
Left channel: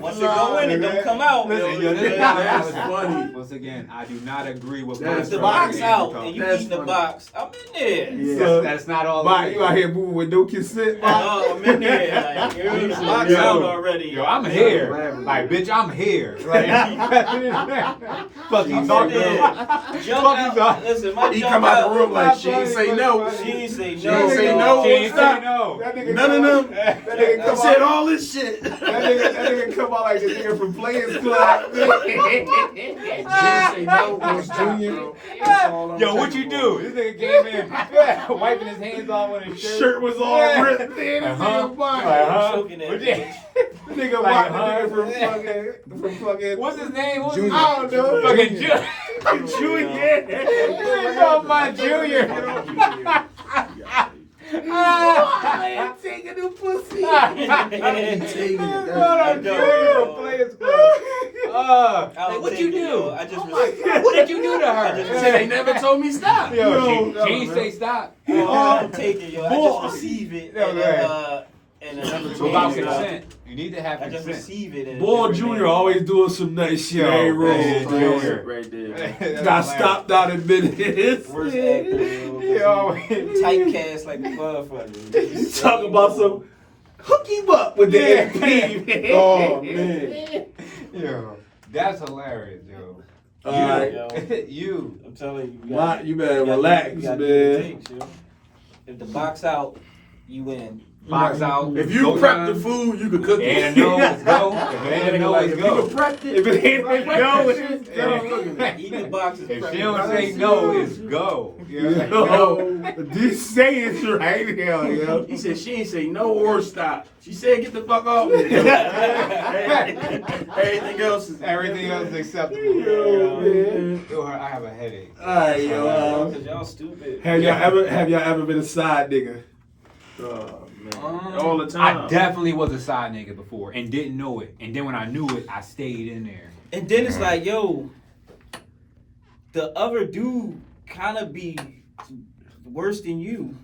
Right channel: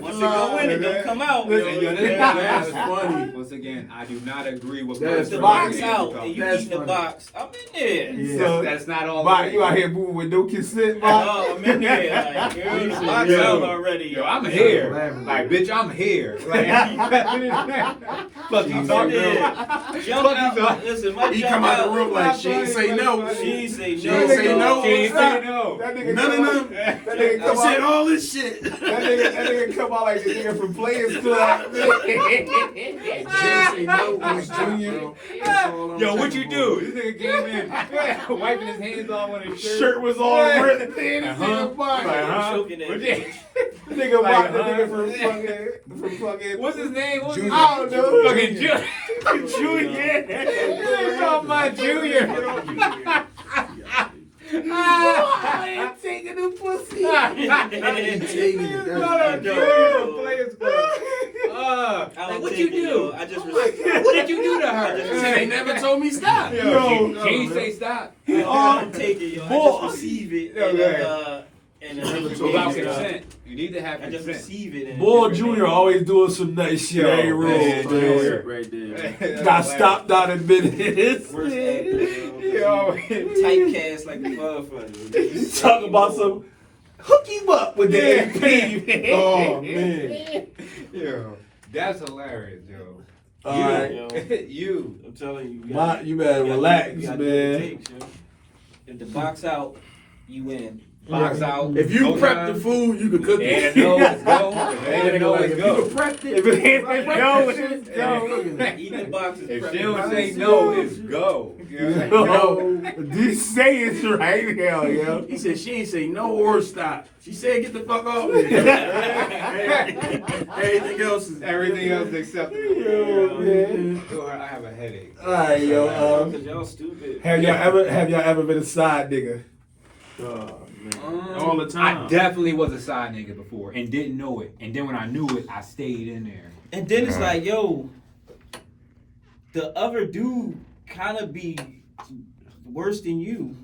Once it go in, it don't come out. Listen, yo. yo, this- That's funny. Once again, I do not agree with That's The funny. box out, and you That's eating the funny. box. I'm in there. So, That's not all. Bot, it you out is. here moving with no consent, Bot? Oh, I'm in there. Like, yo, the box Yo, out already. Yo, I'm here. Like, bitch, I'm here. Like, fuck you, I'm talking in there. about. Jump out. Listen, my He jump come out the room like she ain't say no. She ain't say no. She ain't say no. She ain't say no. That nigga None come of out- them. That nigga He come said out. all this shit. That nigga come out like the nigga from Players Club. Jay say no, Bruce Jr. That's all I'm Yo, what you checking do? for. This nigga came in, wiping his hands off with his shirt. Shirt was all ripped. Man, this Uh-huh. nigga Bot. Uh-huh. Choking that What bitch. The nigga Like, Bot, the nigga huh? from fucking. What's his name? What's Junior. his I don't know. Fucking Junior. It's all my Junior. I ain't taking the pussy. I ain't taking it. What That's- a Players Club. I don't What take you it, do? yo. I just What did you do to her? Shit, they never told me stop. Yo, She ain't say stop. I don't take it, yo. I Boy. just receive it. Yo, And Without consent. You need to have I just consent. receive it. and Boy it's Junior always doing some nice shit. Hey, That's Rose. classic right there. Got stopped out in minutes. Worst actor, yo. Typecast like the motherfucker. You talk about some hook him up with the AP. Oh man. Yo, that's hilarious, yo. Alright. Yo, You. I'm telling you. You better relax, man. If the box out, you win. Box out. If you go prep time, the food, you can cook it. and no, let's go. If it ain't a no, let's If you go. can prep it, If it ain't no, it's go. Eat the box is If prepped. she don't say no, it's go. Yo, this saying's right now, yo. He said she ain't say no or stop. She said get the fuck off. Everything else is Everything else is acceptable. Yo, man. Yo, I have a headache. All right, yo. Cause y'all stupid. Have y'all ever been a side nigga? oh, man. All the time. I definitely was a side nigga before and didn't know it. And then when I knew it, I stayed in there. And then it's like, yo, the other dude kind of be worse than you.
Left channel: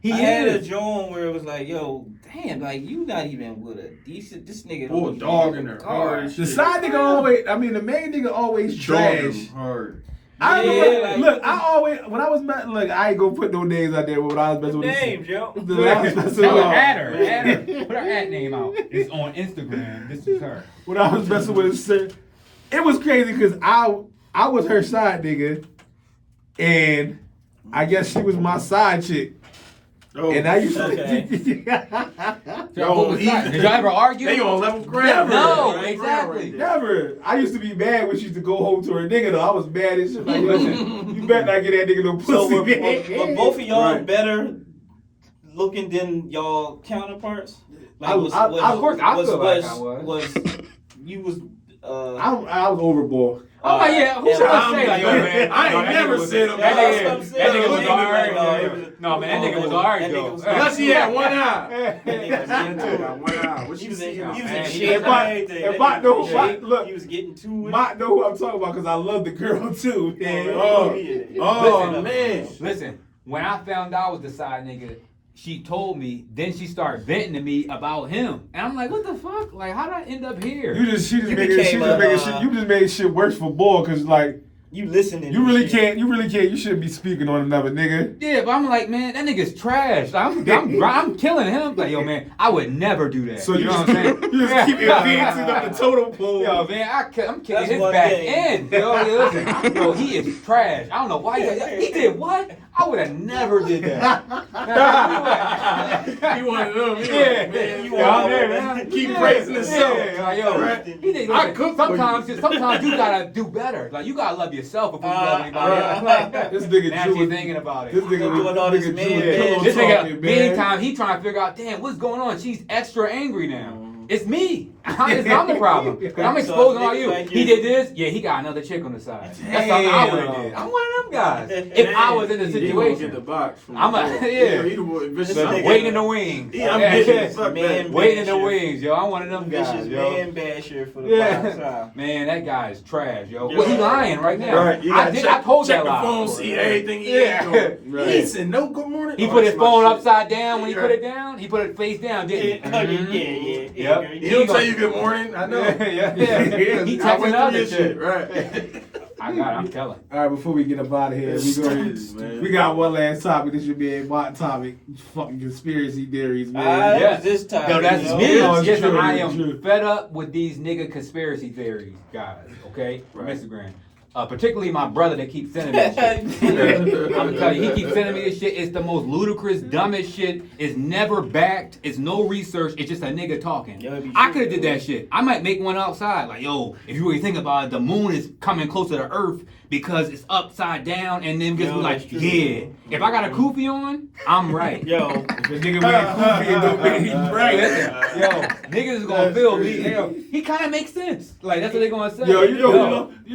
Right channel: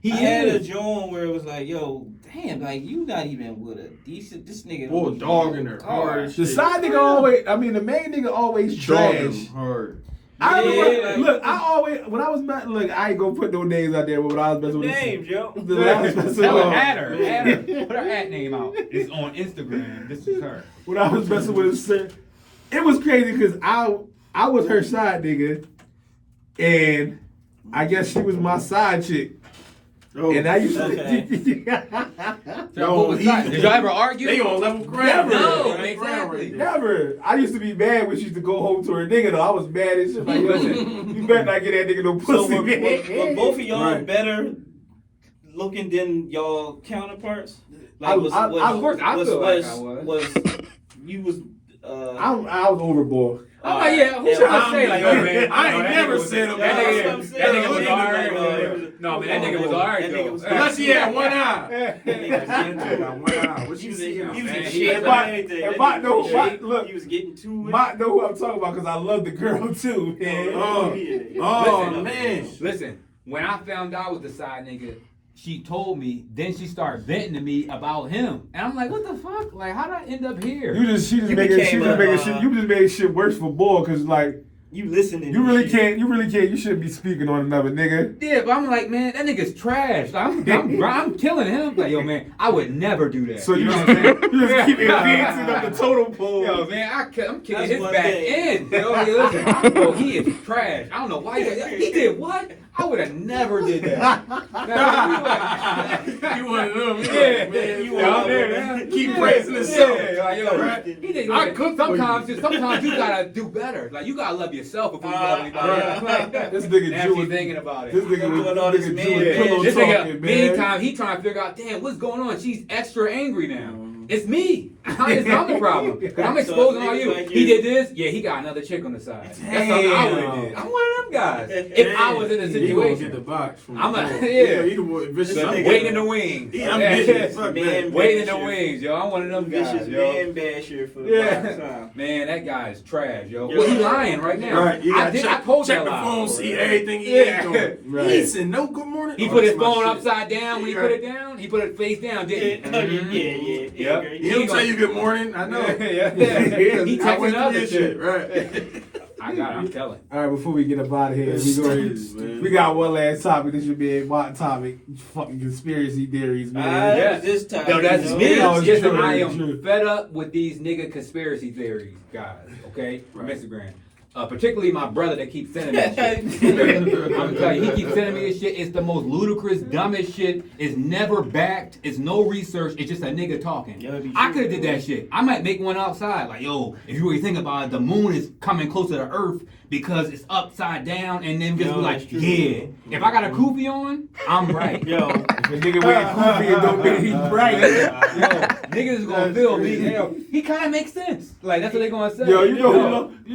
He I had a is. joint where it was like, yo, damn, like you not even with a decent. This nigga Pull a don't dog even in have a her hard car. as The shit. side nigga always, I mean, the main nigga always trash. Hard. I remember, Yeah, like- look, I always, when I was, look, I ain't gonna put no names out there, but when I was messing with Names, yo. the last messing No, with, add her. Add her. Put her ad name out. It's on Instagram. This is her. when I was messing with her, it was crazy because I was her side nigga, and I guess she was my side chick. Oh, And I used to. So what was that? Did y'all ever argue? They on level ground. No, Right? exactly. Never. I used to be mad when she used to go home to her nigga though. I was mad as shit. Like, yo, you better not get that nigga no So pussy. were both of y'all Right. better looking than y'all counterparts? I- of course, I feel like I was. Was you was I was overboard. I'm like, yeah, who should I say? Like, yo, man, I ain't no, that never nigga was- said him. That That's nigga what I'm was saying. alright, That though. No, man, that nigga was alright, That nigga though. was- Unless he had one eye. That nigga was getting to it. One eye. What He you was see? in man, shape he- and if I- everything. if That I nigga know- was in shape. look, He was getting to it. Mike know who I'm talking about because I love the girl too, man. Oh man. Listen, when I found out I was the side nigga, she told me, then she started venting to me about him. And I'm like, what the fuck? Like, how'd I end up here? She just making shit. You just made shit worse for boy because like You listening? you really can't. You shouldn't be speaking on another nigga. Yeah, but I'm like, man, that nigga's trash. Like, I'm killing him. Like, yo, man, I would never do that. So you know what I'm saying? you just keep advancing up the total pole. Yo, man, I'm kicking That's his one back thing. end. Yo, listen, yo, he is trash. I don't know why he did what? I would have never did that. You one of them. Yeah, Man, you yeah, one I'm of there, them. man. Keep praising himself. Yeah, like, yo, Right. he did, I listen, cook for sometimes you gotta do better. Like, you gotta love yourself before you love anybody else. Like, This nigga now Jew. she's thinking about it. This nigga was Doing all this Jew man with pillow This talking, nigga, man. meantime, he trying to figure out, damn, what's going on? She's extra angry now. It's me. I'm the problem. 'Cause I'm exposing all you. He did this. Yeah, he got another chick on the side. That's something I would have did. I'm one of them guys. If I was in the He gonna get the situation, box from I'm the a- boy. yeah. He the boy, vicious. This I'm nigga- waiting in the wings. Yeah, I'm Yeah. vicious. Fuck Man, that. Waiting in the wings, yo. I'm one of them guys, Vicious yo. man basher for the Yeah. box time. Man, that guy is trash, yo. Yeah. Well, he lying right now. Right, you gotta I told check that the lie. phone, see everything he Yeah. ain't doing. Right. He ain't said no good morning. He Oh, put his that's my phone shit. upside down when he put it down. He put it face down, Yeah, didn't oh, he? yeah. Yep. He don't tell you good morning. I know. yeah. He I texting went through other your shit. right? I got it, I'm telling. All right, before we get up out of here, we got one last topic. This should be a hot topic. Fucking conspiracy theories, man. That was this time. No, that's you know? me. No, it's Listen, true, I it's am true. fed up with these nigga conspiracy theories, guys. Okay, from Right. Instagram. Particularly my brother that keeps sending that shit. Okay? I'm gonna tell you, he keeps sending me this shit. It's the most ludicrous, dumbest shit. It's never backed. It's no research. It's just a nigga talking. Yeah, it'd be I true. could have did that shit. I might make one outside. Like, yo, if you really think about it, the moon is coming closer to Earth because it's upside down, and then just be Yo, like, that's true. yeah. If I got a kufi on, I'm right. Yo, The nigga with a kufi, it don't mean he's right. Yo, niggas is gonna feel me. Yo, he kind of makes sense. Like that's what they gonna say. Yo, you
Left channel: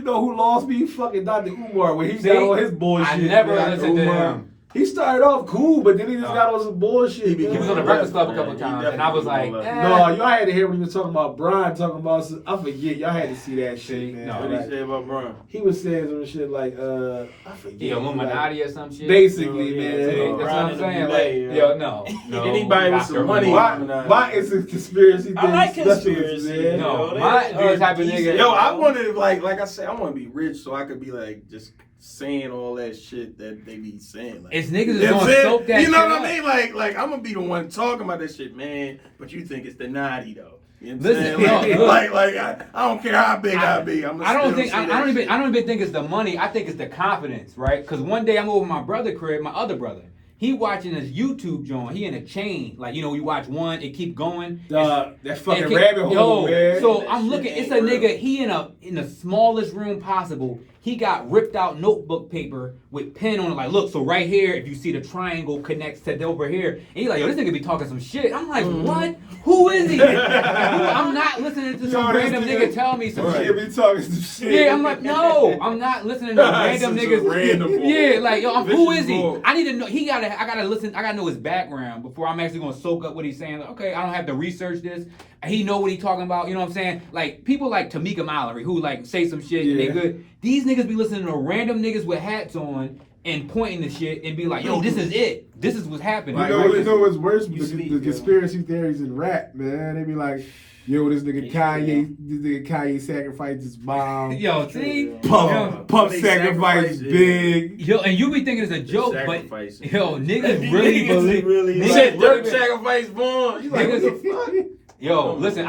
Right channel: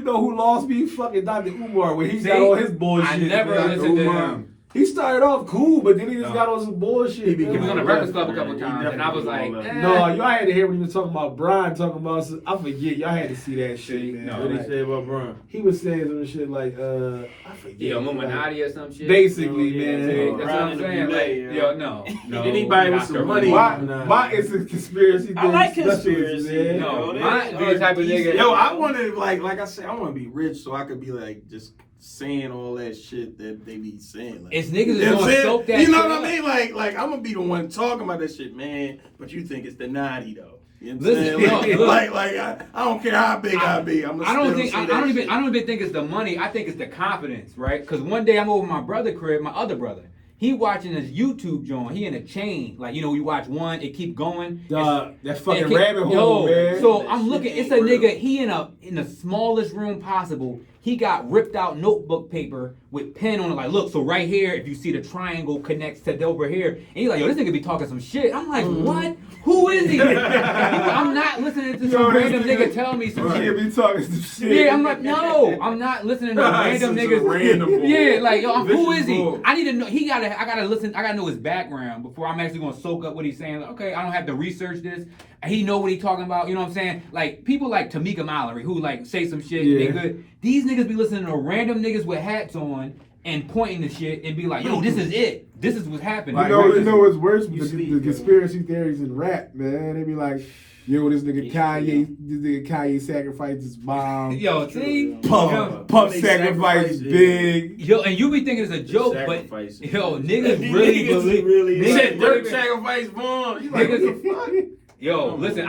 know who lost me? Fucking Dr. Umar when he got See? all his bullshit. I never man. listened to Umar. him. He started off cool, but then he just No. got on some bullshit. He He was on the Yeah. Breakfast Club a couple He times, and I was like, definitely eh. No, y'all had to hear when he was talking about Brian talking about some, I forget. Y'all had to see that shit, man. No, What did Like, he say about Brian? he was saying some shit like I forget. Yo, like, Illuminati or some shit. basically, Oh, yeah, man. See, that's what I'm Brian saying. Illuminati, Like, yeah. yo, no. Anybody with some Dr. money. Umar. My is a conspiracy theory. I like specialist, conspiracy, man. No, They my are the type of nigga. decent. Yo, I wanted like I said, I want to be rich so I could be like just saying all that shit that they be saying. Like, It's niggas you that's know what I'm gonna saying? soak that You know shit what I up. mean? Like I'm gonna be the one talking about that shit, man. But you think it's the naughty though. You know what I'm Listen, saying? no, Like, look. I don't care how big I be. I'm gonna I don't still think say I that don't shit. even think it's the money. I think it's the confidence, right? Because one day I'm over my brother crib, my other brother. He watching his YouTube joint. He in a chain. Like, you know, you watch one, it keep going. That fucking It keep- rabbit hole, man. So I'm looking, it's a nigga, he in the smallest room possible. He got ripped out notebook paper with pen on it. Like, look, so right here, if you see the triangle connects to over here. And he's like, yo, this nigga be talking some shit. I'm like, what? Who is he? I'm not listening to some random nigga tell me some shit. Be talking some shit. Yeah, I'm like, no, I'm not listening to random niggas. Yeah, like, yo, who is he? I need to know. I gotta listen. I gotta know his background before I'm actually gonna soak up what he's saying. Like, okay, I don't have to research this. He know what he talking about. You know what I'm saying? Like people like Tamika Mallory who like say some shit. They good. These niggas be listening to random niggas with hats on and pointing to shit and be like, yo, this is it. This is what's happening. You know what's worse? The conspiracy theories in rap, man. They be like, yo, this nigga Kanye sacrificed his mom. Yo, see? Puff sacrificed Big. Yo, and you be thinking it's a joke, but yo, niggas really believe. Shit, Dirk sacrificed Vaughn. You like, what the fuck? Yo, listen,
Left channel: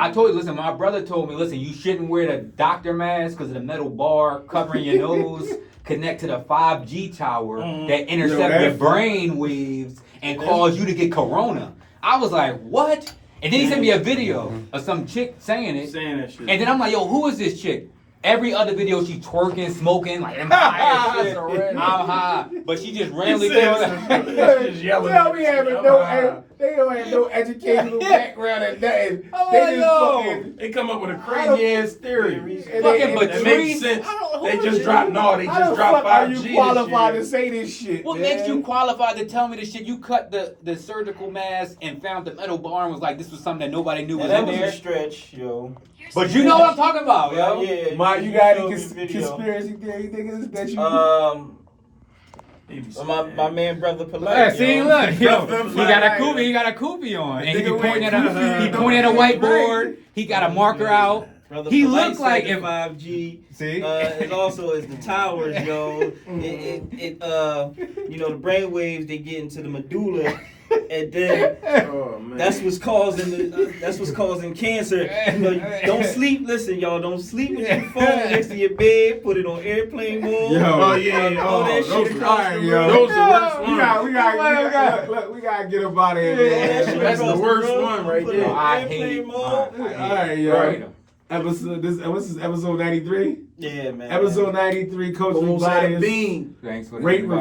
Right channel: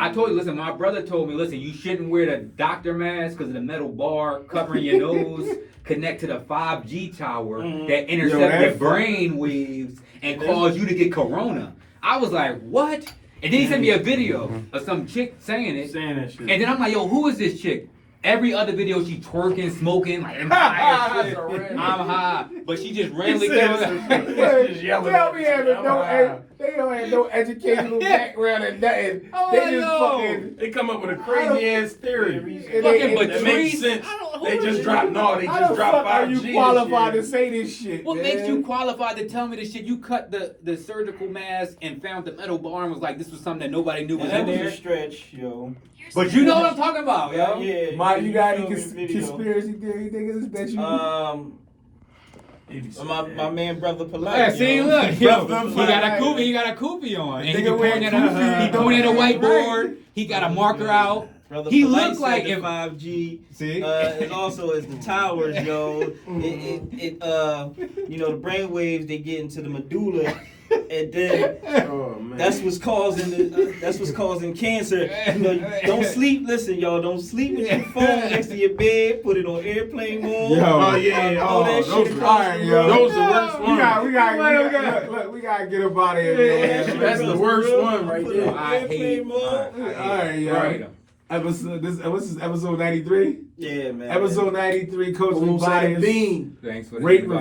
my brother told me, listen, you shouldn't wear the doctor mask because of the metal bar covering your nose connect to the 5G tower that intercept your brain waves and cause you to get corona. I was like, what? And then he sent me a video of some chick saying it. Saying that shit. And then I'm like, yo, who is this chick? Every other video she twerking, smoking, like I'm high as shit. I'm high. But she just randomly came They don't have no educational background and nothing. They come up with a crazy ass theory. That makes sense. They just dropped They just dropped 5G. Are you qualified to say this shit? What makes you qualified to tell me this shit? You cut the surgical mask and found the metal bar and was like, this was something that nobody knew was in there. That was a stretch, yo. But you know what I'm talking about, yo. Yeah. You got any conspiracy theory niggas that you? My man, brother Polite. Yeah, see, look, he got a Koopy on, and he pointing at a whiteboard. He got a marker out. Brother He Polite looked like said if 5G. See, it also is the towers, yo. It you know, the brain waves they get into the medulla. And then that's what's causing cancer. You know, don't sleep. Listen, y'all, don't sleep with your phone next to your bed. Put it on airplane mode. All that shit across the room. Those are the worst ones. We gotta get up out of here, man. That's the worst one right there. I hate it. All right, yo. This is episode 93. Yeah, man. Episode 93, Coach Lee Bias. Thanks for the Rate invite.